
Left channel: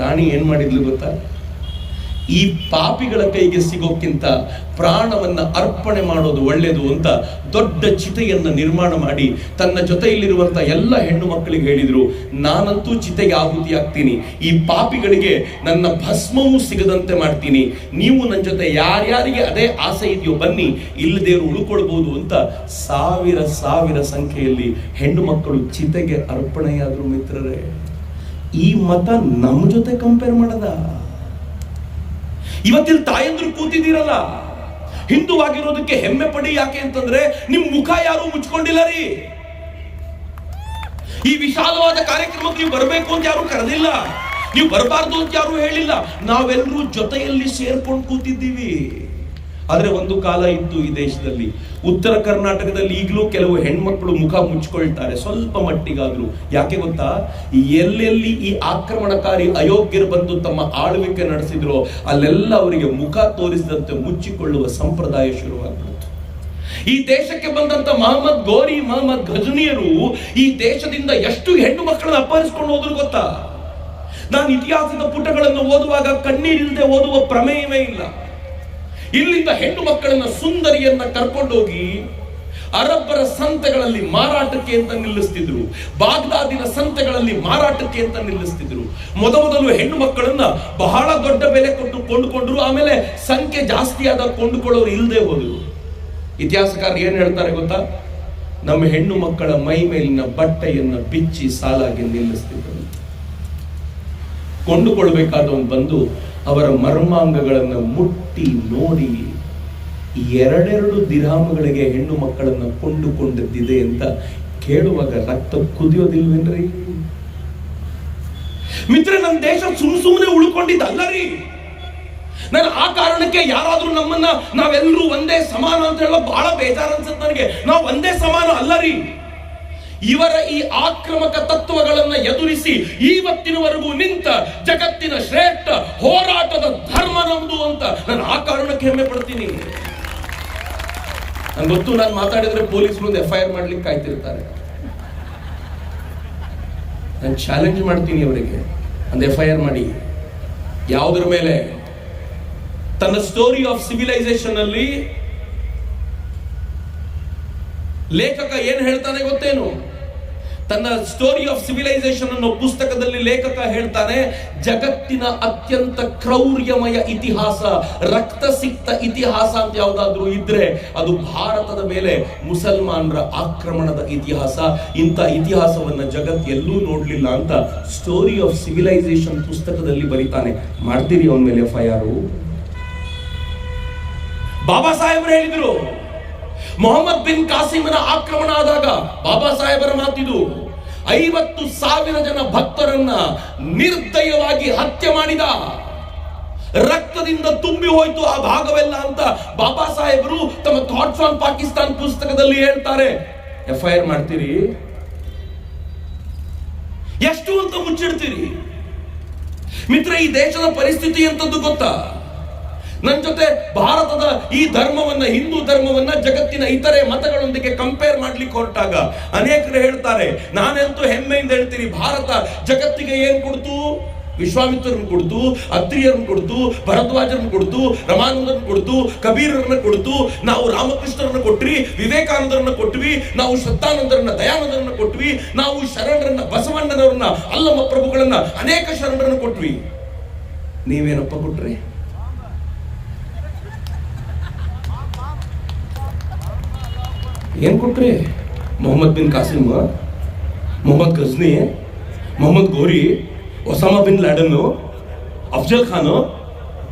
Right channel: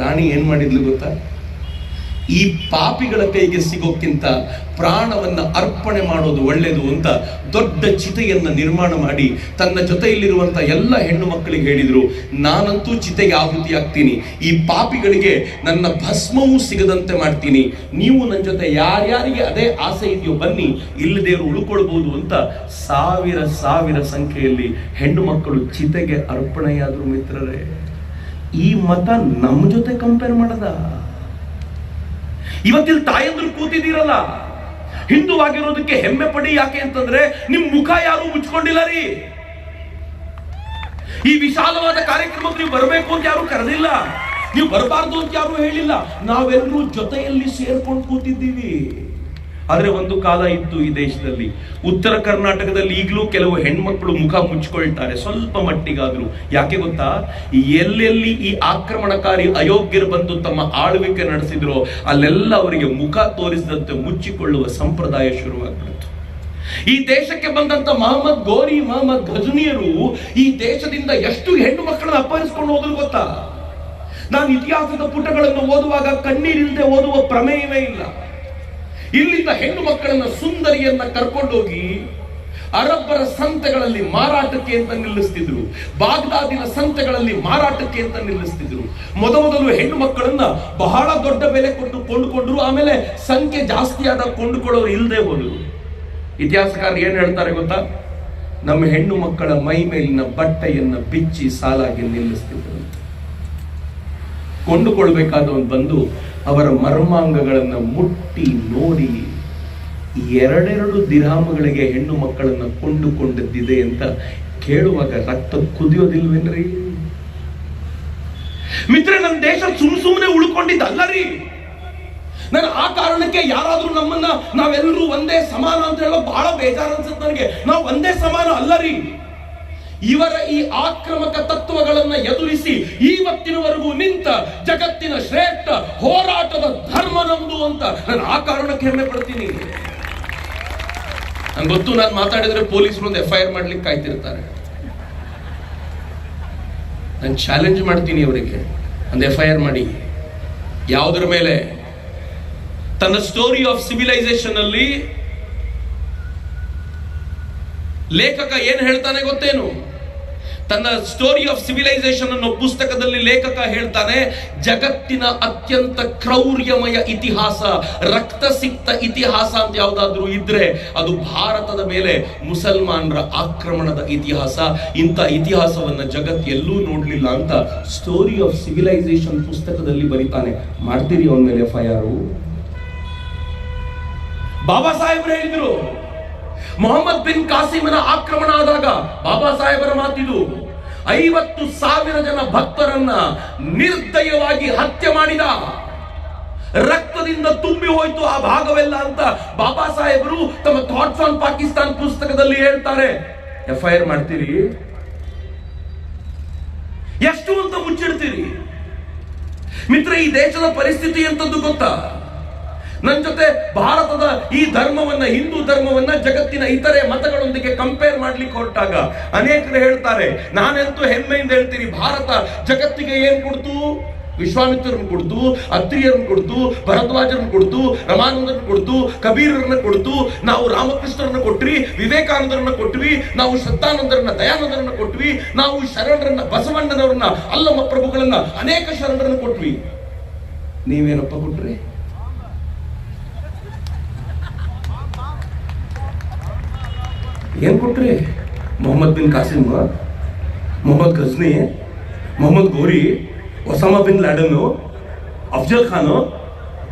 ರಾಣಿ ಏನ್ ಮಾಡಿದ್ಲು ಗೊತ್ತಾ? ಈ ಪಾಪಿಗಳ ಕೈಗೆ ಸಿಗೋಕ್ಕಿಂತ ಪ್ರಾಣವನ್ನ ಅರ್ಪಣೆ ಮಾಡೋದು ಒಳ್ಳೆಯದು ಅಂತ ದೊಡ್ಡ ಚಿತೆಯನ್ನ ನಿರ್ಮಾಣ ಮಾಡಿ ತನ್ನ ಜೊತೆಯಲ್ಲಿರುವಂತ ಎಲ್ಲ ಹೆಣ್ಣು ಮಕ್ಕಳಿಗೆ ಹೇಳಿದ್ರು, ನಾನಂತೂ ಚಿತೆಗೆ ಆಹುತಿ ಆಗ್ತೀನಿ, ಈ ಪಾಪಿಗಳಿಗೆ ನನ್ನ ಭಸ್ಮವೂ ಸಿಗದಂತೆ ಮಾಡ್ತೀನಿ, ನೀವು ನನ್ನ ಜೊತೆ ಯಾರ್ಯಾರಿಗೆ ಅದೇ ಆಸೆ ಇದೆಯೋ ಬನ್ನಿ, ಇಲ್ಲದೇವರು ಉಳ್ಕೊಳ್ಬಹುದು ಅಂತ ಸಾವಿರ ಸಂಖ್ಯೆಯಲ್ಲಿ ಹೆಣ್ಣು ಮಕ್ಕಳು ಚಿತೆಗೆ ಅರ್ಪಣೆಯಾದ್ರು. ಮಿತ್ರರೇ, ಈ ಮತ ನಮ್ಮ ಜೊತೆ ಕಂಪೇರ್ ಮಾಡದ. ಇವತ್ತಿಲ್ಲಿ ತಾಯಂದ್ರು ಕೂತಿದ್ದೀರಲ್ಲ, ಹಿಂದುವಾಗಿರೋದಕ್ಕೆ ಹೆಮ್ಮೆ ಪಡಿ. ಯಾಕೆ ಅಂತಂದ್ರೆ ನಿಮ್ ಮುಖ ಯಾರು ಮುಚ್ಕೊಂಡಿಲ್ಲ ರೀ. ಈ ವಿಶಾಲವಾದ ಕಾರ್ಯಕ್ರಮಕ್ಕೆ ನೀವು ಬರಬೇಕು ಅಂತ ಯಾರು ಕರೆದಿಲ್ಲ, ನೀವು ಬರಬಾರ್ದು ಅಂತ ಯಾರು ಹೇಳಿಲ್ಲ. ನಾವೆಲ್ಲರೂ ಜೊತೆಯಲ್ಲಿ ಸೇರ್ಕೊಂಡು ಕೂತಿದ್ದೀವಿ. ಆದ್ರೆ ಒಂದು ಕಾಲ ಇತ್ತು ಈ ದೇಶದಲ್ಲಿ, ಉತ್ತರ ಕರ್ನಾಟಕದಲ್ಲಿ ಈಗಲೂ ಕೆಲವು ಹೆಣ್ಮಕ್ಳು ಮುಖ ಮುಚ್ಕೊಳ್ತಾರೆ ಸ್ವಲ್ಪ ಮಟ್ಟಿಗಾದ್ರು. ಯಾಕೆ ಗೊತ್ತಾ? ಎಲ್ಲೆಲ್ಲಿ ಈ ಆಕ್ರಮಣಕಾರಿ ಅಯೋಗ್ಯರು ಬಂದು ತಮ್ಮ ಆಳ್ವಿಕೆ ನಡೆಸಿದ್ರು ಅಲ್ಲೆಲ್ಲ ಅವರಿಗೆ ಮುಖ ತೋರಿಸಿದಂತೆ ಮುಚ್ಚಿಕೊಳ್ಳುವ ಸಂಪ್ರದಾಯ ಶುರುವಾಗ್ಬಿಡ್ತು. ಈ ದೇಶಕ್ಕೆ ಬಂದಂತ ಮೊಹಮ್ಮದ್ ಗೋರಿ, ಮೊಹಮ್ಮದ್ ಘಜ್ನಿಯರು ಈ ದೇಶದಿಂದ ಎಷ್ಟು ಹೆಣ್ಣು ಮಕ್ಕಳನ್ನ ಅಪಹರಿಸಿಕೊಂಡು ಹೋದ್ರು ಗೊತ್ತಾ? ನಾನು ಇತಿಹಾಸದ ಪುಟಗಳನ್ನು ಓದುವಾಗ ಕಣ್ಣೀರಿಲ್ಲದೆ ಓದುವ ಪ್ರಮೇಯವೇ ಇಲ್ಲ. ಇಲ್ಲಿಂದ ಹೆಣ್ಣು ಮಕ್ಕಳನ್ನ, ಸುಂದರಿಯನ್ನ ಕರ್ಕೊಂಡೋಗಿ ಅರಬ್ಬರ ಸಂತೆಗಳಲ್ಲಿ ಮಾರಾಟಕ್ಕೆ ಅಂತ ನಿಲ್ಲಿಸ್ತಿದ್ರು, ಬಾಗ್ದಾದಿನ ಸಂತೆಗಳಲ್ಲಿ ಮಾರಾಟಕ್ಕೆ ಅಂತ ನಿಲ್ಲಿಸ್ತಿದ್ರು. ಮೊದಲು ಹೆಣ್ಣು ಮಕ್ಕಳನ್ನ ಬಹಳ ದೊಡ್ಡ ಬೆಲೆ ಕೊಟ್ಟು ಕೊಂಡುಕೊಂಡ್ರು, ಆಮೇಲೆ ಸಂಖ್ಯೆ ಜಾಸ್ತಿ ಆದಾಗ ಕೊಂಡುಕೊಳ್ಳೋರು ಇಲ್ಲದೆ ಹೋದ್ರು. ಇತಿಹಾಸಕಾರರು ಏನ್ ಹೇಳ್ತಾರೆ ಗೊತ್ತಾ? ನಮ್ಮ ಹೆಣ್ಣು ಮಕ್ಕಳ ಮೈ ಮೇಲಿನ ಬಟ್ಟೆಯನ್ನ ಬಿಚ್ಚಿ ಸಾಲಾಗಿ ನಿಲ್ಲಿಸ್ತಿದ್ರು. ಕೊಂಡುಕೊಳ್ಬೇಕಾದವನು ಬಂದು ಅವರ ಮರ್ಮಾಂಗಗಳನ್ನು ಮುಟ್ಟಿ ನೋಡಿ 2 ದಿರ್ಹಾಮಗಳಿಗೆ ಹೆಣ್ಣು ಮಕ್ಕಳನ್ನ ಕೊಂಡುಕೊಂಡದ್ದಿದೆ ಅಂತ ಕೇಳುವಾಗ ರಕ್ತ ಕುದಿಯೋದಿಲ್ವೇನ್ರಿ? ಮಿತ್ರ, ನನ್ನ ದೇಶ ಸುಮ್ಮನೆ ಉಳ್ಕೊಂಡಿದ್ದಲ್ಲ ರೀ. ನಾನು ಆ ಕಾರಣಕ್ಕೆ ಯಾರಾದ್ರೂ ನಮ್ಮನ್ನ ನಾವೆಲ್ಲರೂ ಒಂದೇ ಸಮಾನ ಅಂತ ಹೇಳೋ ಬಹಳ ಬೇಜಾರು ಅನ್ಸುತ್ತೆ ನನಗೆ. ನಾವು ಒಂದೇ ಸಮಾನ ಅಲ್ಲ ರೀ. ಇವರ ಈ ಆಕ್ರಮಕ ತತ್ವಗಳನ್ನ ಎದುರಿಸಿ ಇವತ್ತಿನವರೆಗೂ ನಿಂತ ಜಗತ್ತಿನ ಶ್ರೇಷ್ಠ ಹೋರಾಟದ ಧರ್ಮ ನಮ್ದು ಅಂತ ನಾನು ಆ ಕಾರಣಕ್ಕೆ ಹೆಮ್ಮೆ ಪಡ್ತೀನಿ. ನಂಗೆ ಗೊತ್ತು, ನಾನು ಮಾತಾಡಿದ್ರೆ ಪೊಲೀಸರು ಒಂದು FIR ಮಾಡ್ಲಿಕ್ಕೆ ಕಾಯ್ತಿರ್ತಾರೆ. ನಾನು ಚಾಲೆಂಜ್ ಮಾಡ್ತೀನಿ ಅವರಿಗೆ, ಒಂದು FIR ಮಾಡಿ. ಯಾವುದರ ಮೇಲೆ? ತನ್ನ ಸ್ಟೋರಿ ಆಫ್ ಸಿವಿಲೈಸೇಷನ್ ಅಲ್ಲಿ ಲೇಖಕ ಏನ್ ಹೇಳ್ತಾನೆ ಗೊತ್ತೇನು? ತನ್ನ ಸ್ಟೋರಿ ಆಫ್ ಸಿವಿಲೈಸೇಷನ್ ಅನ್ನೋ ಪುಸ್ತಕದಲ್ಲಿ ಲೇಖಕ ಹೇಳ್ತಾನೆ, ಜಗತ್ತಿನ ಅತ್ಯಂತ ಕ್ರೌರ್ಯಮಯ ಇತಿಹಾಸ, ರಕ್ತಸಿಕ್ತ ಇತಿಹಾಸ ಅಂತ ಯಾವ್ದಾದ್ರೂ ಇದ್ರೆ ಅದು ಭಾರತದ ಮೇಲೆ ಮುಸಲ್ಮಾನರ ಆಕ್ರಮಣದ ಇತಿಹಾಸ. ಇಂಥ ಇತಿಹಾಸವನ್ನ ಜಗತ್ ಎಲ್ಲೂ ನೋಡ್ಲಿಲ್ಲ ಅಂತ ಸ್ಟೋರಿ ಆಫ್ ಸಿವಿಲೈಸೇಷನ್ ಪುಸ್ತಕದಲ್ಲಿ ಬರೀತಾನೆ. ಮಾಡ್ತೀರಿ ಅವನ ಮೇಲೆ FIR? ಬಾಬಾ ಸಾಹೇಬರು ಹೇಳಿದ್ರು, ಮೊಹಮ್ಮದ್ ಬಿನ್ ಕಾಸಿಮನ ಆಕ್ರಮಣ ಆದಾಗ ಬಾಬಾ ಸಾಹೇಬರ ಮಾತಿದು, 50,000 ಜನ ಭಕ್ತರನ್ನ ನಿರ್ದಯವಾಗಿ ಹತ್ಯೆ ಮಾಡಿದ, ರಕ್ತದಿಂದ ತುಂಬಿ ಹೋಯ್ತು ಆ ಭಾಗವೆಲ್ಲ ಅಂತ ಬಾಬಾ ಸಾಹೇಬರು ತಮ್ಮ ಥಾಟ್ಸ್ ಆನ್ ಪಾಕಿಸ್ತಾನ್ ಪುಸ್ತಕದಲ್ಲಿ ಹೇಳ್ತಾರೆ. FIR ಮಾಡ್ತೀರಿ? ಎಷ್ಟು ಅಂತ ಮುಚ್ಚಿಡ್ತೀರಿ? ಮಿತ್ರ, ಈ ದೇಶದ ಪರಿಸ್ಥಿತಿ ಎಂತದ್ದು ಗೊತ್ತಾ? ನನ್ನ ಜೊತೆ ಭಾರತದ ಈ ಧರ್ಮವನ್ನ, ಹಿಂದೂ ಧರ್ಮವನ್ನ ಜಗತ್ತಿನ ಇತರೆ ಮತಗಳೊಂದಿಗೆ ಕಂಪೇರ್ ಮಾಡ್ಲಿಕ್ಕೆ ಹೊರಟಾಗ ಅನೇಕರು ಹೇಳ್ತಾರೆ, ನಾನೆಂತೂ ಹೆಮ್ಮೆಯಿಂದ ಹೇಳ್ತೀನಿ, ಭಾರತ ಜಗತ್ತಿಗೆ ಏನ್ ಕೊಡ್ತು? ವಿಶ್ವಾಮಿತ್ರರನ್ನು ಕೊಡ್ತು, ಅತ್ರಿಯರನ್ನು ಕೊಡ್ತು, ಭರದ್ವಾಜರನ್ನು ಕೊಡ್ತು, ರಮಾನಂದರನ್ನು ಕೊಡ್ತು, ಕಬೀರರನ್ನ ಕೊಡ್ತು. ನಾವು ರಾಮಕೃಷ್ಣರನ್ನ ಕೊಟ್ವಿ, ವಿವೇಕಾನಂದರನ್ನ ಕೊಟ್ವಿ, ನಾವು ಶ್ರದ್ಧಾನಂದರನ್ನ, ದಯಾನಂದರನ್ನ ಕೊಟ್ವಿ, ನಾವು ಶರಣರನ್ನ, ಬಸವಣ್ಣನವರನ್ನ, ಅಲ್ಲಮ್ಮ ಪ್ರಭುಗಳನ್ನ, ಅನೇಕ ಶರಣರನ್ನ ಕೊಟ್ವಿ. ನೀವೇನಪ್ಪ ಕೊಟ್ರಿ? ಏನ್ ಕೊಟ್ರಿ? Mohammad bin Qasim, Mohammad Ghazni, Mohammad Ghori, Osama bin Laden, Afzal Khan,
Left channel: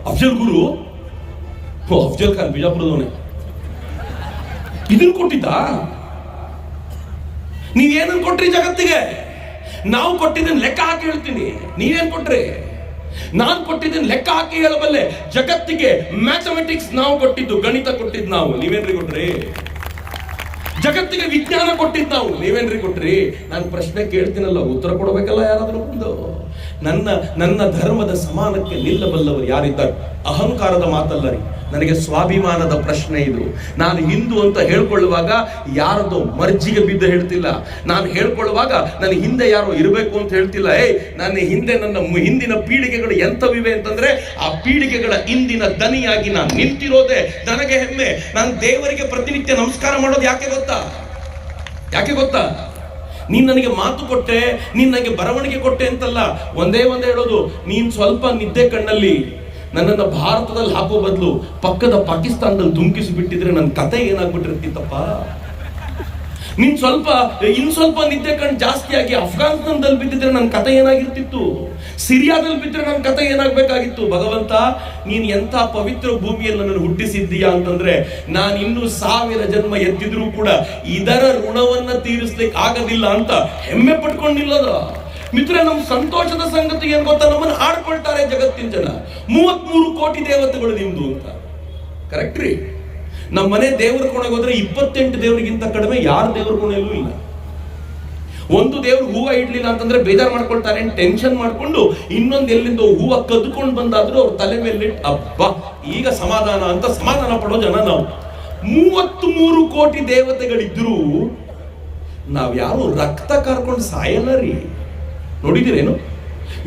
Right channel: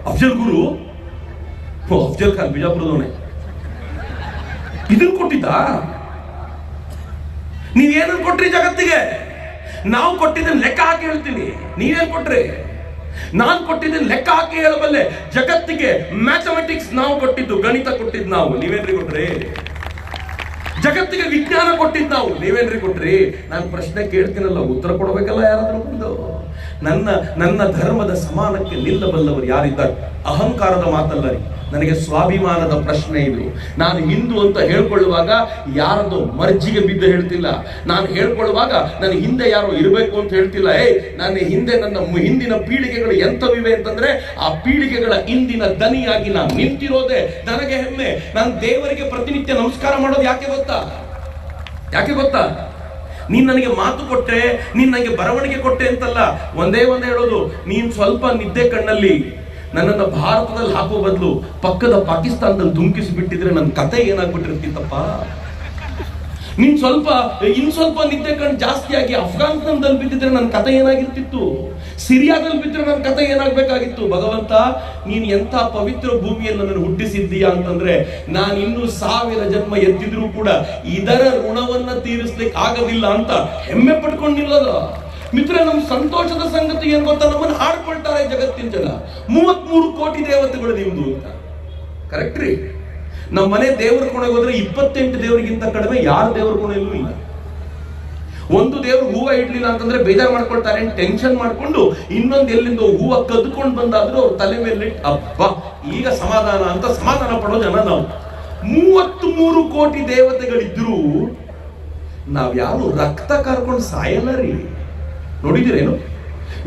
Afzal Guru. Afzal Khan ಬಿಜಾಪುರದವನೇ. ಇದನ್ನ ಕೊಟ್ಟಿದ್ದ? ನೀವೇನನ್ನು ಕೊಟ್ರಿ ಜಗತ್ತಿಗೆ? ನಾವು ಕೊಟ್ಟಿದ್ದನ್ನು ಲೆಕ್ಕ ಹಾಕಿ ಹೇಳ್ತೀನಿ. ನೀವೇನ್ ಕೊಟ್ರಿ? ನಾನು ಕೊಟ್ಟಿದ್ದನ್ನು ಲೆಕ್ಕ ಹಾಕಿ ಹೇಳಬಲ್ಲೆ. ಜಗತ್ತಿಗೆ ಮ್ಯಾಥಮೆಟಿಕ್ಸ್ ನಾವು ಕೊಟ್ಟಿದ್ದು, ಗಣಿತ ಕೊಟ್ಟಿದ್ದು ನಾವು. ನೀವೇನ್ರಿ ಕೊಟ್ರಿ? ಜಗತ್ತಿಗೆ ವಿಜ್ಞಾನ ಕೊಟ್ಟಿದ್ದು ನಾವು. ನೀವೇನ್ರಿ ಕೊಟ್ರಿ? ನಾನು ಪ್ರಶ್ನೆ ಕೇಳ್ತೀನಲ್ಲ, ಉತ್ತರ ಕೊಡಬೇಕಲ್ಲ ಯಾರಾದ್ರೂ ಬಂದು. ನನ್ನ ಧರ್ಮದ ಸಮಾನಕ್ಕೆ ನಿಲ್ಲಬಲ್ಲವರು ಯಾರಿದ್ದಾರೆ? ಅಹಂಕಾರದ ಮಾತಲ್ಲ ರೀ, ನನಗೆ ಸ್ವಾಭಿಮಾನದ ಪ್ರಶ್ನೆ ಇದು. ನಾನು ಹಿಂದೂ ಅಂತ ಹೇಳ್ಕೊಳ್ಳುವಾಗ ಯಾರದೋ ಮರ್ಜಿಗೆ ಬಿದ್ದು ಹೇಳ್ತಿಲ್ಲ. ನಾನು ಹೇಳ್ಕೊಳ್ಳುವಾಗ ನನ್ನ ಹಿಂದೆ ಯಾರೋ ಇರಬೇಕು ಅಂತ ಹೇಳ್ತಿಲ್ಲ. ನನ್ನ ಹಿಂದೆ ನನ್ನ ಹಿಂದಿನ ಪೀಳಿಗೆಗಳು ಎಂಥವಿವೆ ಅಂತಂದ್ರೆ ಆ ಪೀಳಿಗೆಗಳ ಇಂದಿನ ದನಿಯಾಗಿ ನಾನು ನಿಂತಿರೋದೇ ನನಗೆ ಹೆಮ್ಮೆ. ನಾನು ದೇವರಿಗೆ ಪ್ರತಿನಿತ್ಯ ನಮಸ್ಕಾರ ಮಾಡೋದು ಯಾಕೆ ಗೊತ್ತಾ? ನೀನ್ ನನಗೆ ಮಾತು ಕೊಟ್ಟೆ, ನೀನ್ ನನಗೆ ಬರವಣಿಗೆ ಕೊಟ್ಟೆ ಅಂತಲ್ಲ. ಒಂದೇ ಹೇಳೋದು, ನೀನ್ ಸ್ವಲ್ಪ ನಿದ್ದೆ ಕಣ್ಣಲ್ಲಿ ನನ್ನನ್ನು ಭಾರತದಲ್ಲಿ ಹಾಕೋ ಬದಲು ಪಕ್ಕದ ಪಾಕಿಸ್ತಾನದಲ್ಲಿ ಧುಮುಕಿಸಿ ಬಿಟ್ಟಿದ್ರೆ ನನ್ನ ಕತೆ ಏನಾಗ್ಬಿಟ್ಟಿರ್ತಿತ್ತಪ್ಪ. ನೀನ್ ಸ್ವಲ್ಪ ನಿದ್ದೆ ಕಣ್ಣು ಜಾಸ್ತಿ ಆಗಿ ಅಫ್ಘಾನಿಸ್ತಾನದಲ್ಲಿ ಬಿದ್ದಿದ್ರೆ ನನ್ನ ಕತೆ ಏನಾಗಿರ್ತಿತ್ತು? ಸಿರಿಯಾದಲ್ಲಿ ಬಿದ್ದರೆ ನನ್ನ ಕತೆ ಏನಾಗಬೇಕಾಗಿತ್ತು? ಭಗವಂತ, ನೀನು ಎಂಥ ಪವಿತ್ರ ಭೂಮಿಯಲ್ಲಿ ನನ್ನನ್ನು ಹುಟ್ಟಿಸಿದ್ದೀಯಾ ಅಂತಂದ್ರೆ ನಾನು ಇನ್ನೂ 1000 ಜನ್ಮ ಎದ್ದಿದ್ರು ಕೂಡ ಇದರ ಋಣವನ್ನ ತೀರಿಸ್ಲಿಕ್ಕೆ ಆಗೋದಿಲ್ಲ ಅಂತ ಹೆಮ್ಮೆ ಪಟ್ಕೊಂಡಿಲ್ಲದ ಮಿತ್ರ. ನಮ್ಮ ಸಂತೋಷದ ಸಂಗತಿ ಏನ್ ಗೊತ್ತಾ? ನಮ್ಮನ್ನು ಆಡ್ಕೊಳ್ತಾರೆ ಜಗತ್ತಿನ ಜನ. 33 ಕೋಟಿ ದೇವತೆಗಳು ನಿಮ್ದು ಅಂತ. ಕರೆಕ್ಟ್ ರೀ? ನಮ್ಮ ಮನೆ ದೇವರ ಕೋಣೆಗೆ ಹೋದ್ರೆ 28 ದೇವರಿಗಿಂತ ಕಡಿಮೆ ಯಾರ ದೇವರ ಕೋಣೆಯಲ್ಲೂ ಇಲ್ಲ. ಒಂದು ದೇವ್ರು ಹೂವ ಇಡ್ಲಿಲ್ಲ ಅಂತಂದ್ರೆ ಬೇಜಾರು ಮಾಡ್ಕೊಳ್ತಾರೆ ಟೆನ್ಷನ್ ಮಾಡ್ಕೊಂಡು ಇನ್ನೊಂದು ಎಲ್ಲಿಂದ ಹೂವ ಕದ್ಕೊಂಡು ಬಂದಾದ್ರೂ ಅವ್ರ ತಲೆ ಮೇಲೆ ಅಬ್ಬ ಈಗ ಸಮಾಧಾನ ಅಂತ ಸಮಾಧಾನ ಪಡೋ ಜನ ನಾವು. 33 ಕೋಟಿ ದೇವತೆಗಳಿದ್ರು ನಾವ್ ಯಾರು ರಕ್ತ ಕಾರ್ಕೊಂಡು ಸಾಯಲ್ಲ ರೀ. ನೋಡಿದಿರೇನು?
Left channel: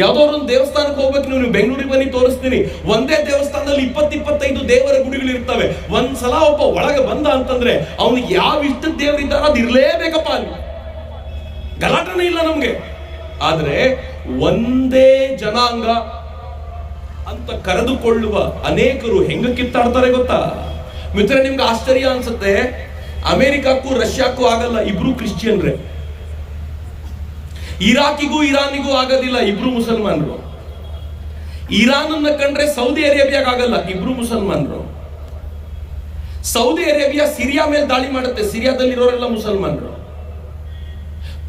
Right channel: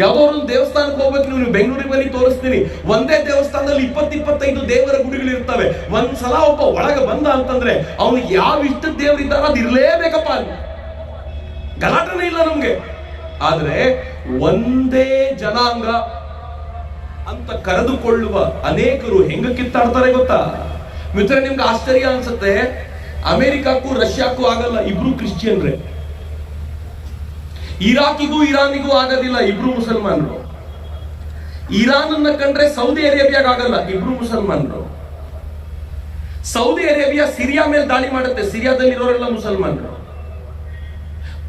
ಯಾವ್ದೋ ಒಂದು ದೇವಸ್ಥಾನಕ್ಕೆ ಹೋಗ್ಬೇಕು, ನೀವು ಬೆಂಗಳೂರಿಗೆ ಬನ್ನಿ ತೋರಿಸ್ತೀನಿ. ಒಂದೇ ದೇವಸ್ಥಾನದಲ್ಲಿ 20-25 ದೇವರ ಗುಡಿಗಳು ಇರ್ತವೆ. ಒಂದ್ಸಲ ಒಬ್ಬ ಒಳಗೆ ಬಂದ ಅಂತಂದ್ರೆ ಅವನಿಗೆ ಯಾವ ಇಷ್ಟದ ದೇವರಿದ್ದಾರೋ ಅದು ಇರ್ಲೇಬೇಕಪ್ಪ ಅಲ್ಲಿ, ಗಲಾಟನೆ ಇಲ್ಲ ನಮ್ಗೆ. ಆದ್ರೆ ಒಂದೇ ಜನಾಂಗ ಅಂತ ಕರೆದುಕೊಳ್ಳುವ ಅನೇಕರು ಹೆಂಗ ಕಿತ್ತಾಡ್ತಾರೆ ಗೊತ್ತಾ ಮಿತ್ರ? ನಿಮ್ಗೆ ಆಶ್ಚರ್ಯ ಅನ್ಸುತ್ತೆ, ಅಮೆರಿಕಕ್ಕೂ ರಷ್ಯಾಕ್ಕೂ ಆಗಲ್ಲ, ಇಬ್ರು ಕ್ರಿಶ್ಚಿಯನ್ರೆ. ಇರಾಕಿಗೂ ಇರಾನಿಗೂ ಆಗೋದಿಲ್ಲ, ಇಬ್ರು ಮುಸಲ್ಮಾನರು. ಇರಾನ್ ಅನ್ನ ಕಂಡ್ರೆ ಸೌದಿ ಅರೇಬಿಯಾಗ ಆಗಲ್ಲ, ಇಬ್ರು ಮುಸಲ್ಮಾನರು. ಸೌದಿ ಅರೇಬಿಯಾ ಸಿರಿಯಾ ಮೇಲೆ ದಾಳಿ ಮಾಡುತ್ತೆ, ಸಿರಿಯಾದಲ್ಲಿರೋರೆಲ್ಲ ಮುಸಲ್ಮಾನರು.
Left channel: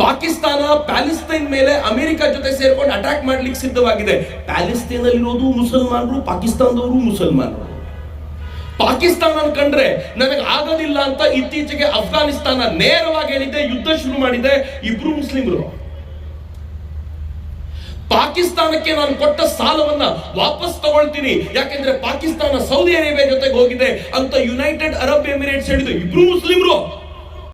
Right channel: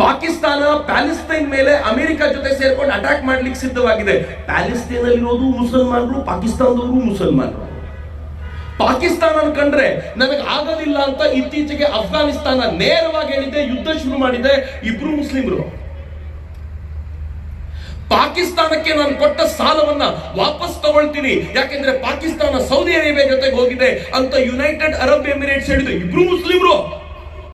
ಪಾಕಿಸ್ತಾನ ಪ್ಯಾಲೆಸ್ತೈನ್ ಮೇಲೆ ಅಮೆರಿಕ ಜೊತೆ ಸೇರ್ಕೊಂಡು ಅಟ್ಯಾಕ್ ಮಾಡ್ಲಿಕ್ಕೆ ಸಿದ್ಧವಾಗಿದೆ. ಪ್ಯಾಲೆಸ್ತೈನ್ ಅಲ್ಲಿರೋದು ಮುಸಲ್ಮಾನರು, ಪಾಕಿಸ್ತಾನದವರು ಮುಸಲ್ಮಾನರು. ಪಾಕಿಸ್ತಾನ ಕಂಡ್ರೆ ನನಗೆ ಆಗೋದಿಲ್ಲ ಅಂತ ಇತ್ತೀಚೆಗೆ ಅಫ್ಘಾನಿಸ್ತಾನ ನೇರವಾಗಿ ಹೇಳಿದೆ, ಯುದ್ಧ ಶುರು ಮಾಡಿದೆ, ಇಬ್ರು ಮುಸ್ಲಿಮರು. ಪಾಕಿಸ್ತಾನಕ್ಕೆ ನಾನು ಕೊಟ್ಟ ಸಾಲವನ್ನ ವಾಪಸ್ ತಗೊಳ್ತೀನಿ, ಯಾಕೆಂದ್ರೆ ಪಾಕಿಸ್ತಾನ ಸೌದಿ ಅರೇಬಿಯಾ ಜೊತೆಗೆ ಹೋಗಿದೆ ಅಂತ ಯುನೈಟೆಡ್ ಅರಬ್ ಎಮಿರೇಟ್ಸ್ ಹೇಳಿದೆ, ಇಬ್ರು ಮುಸ್ಲಿಂ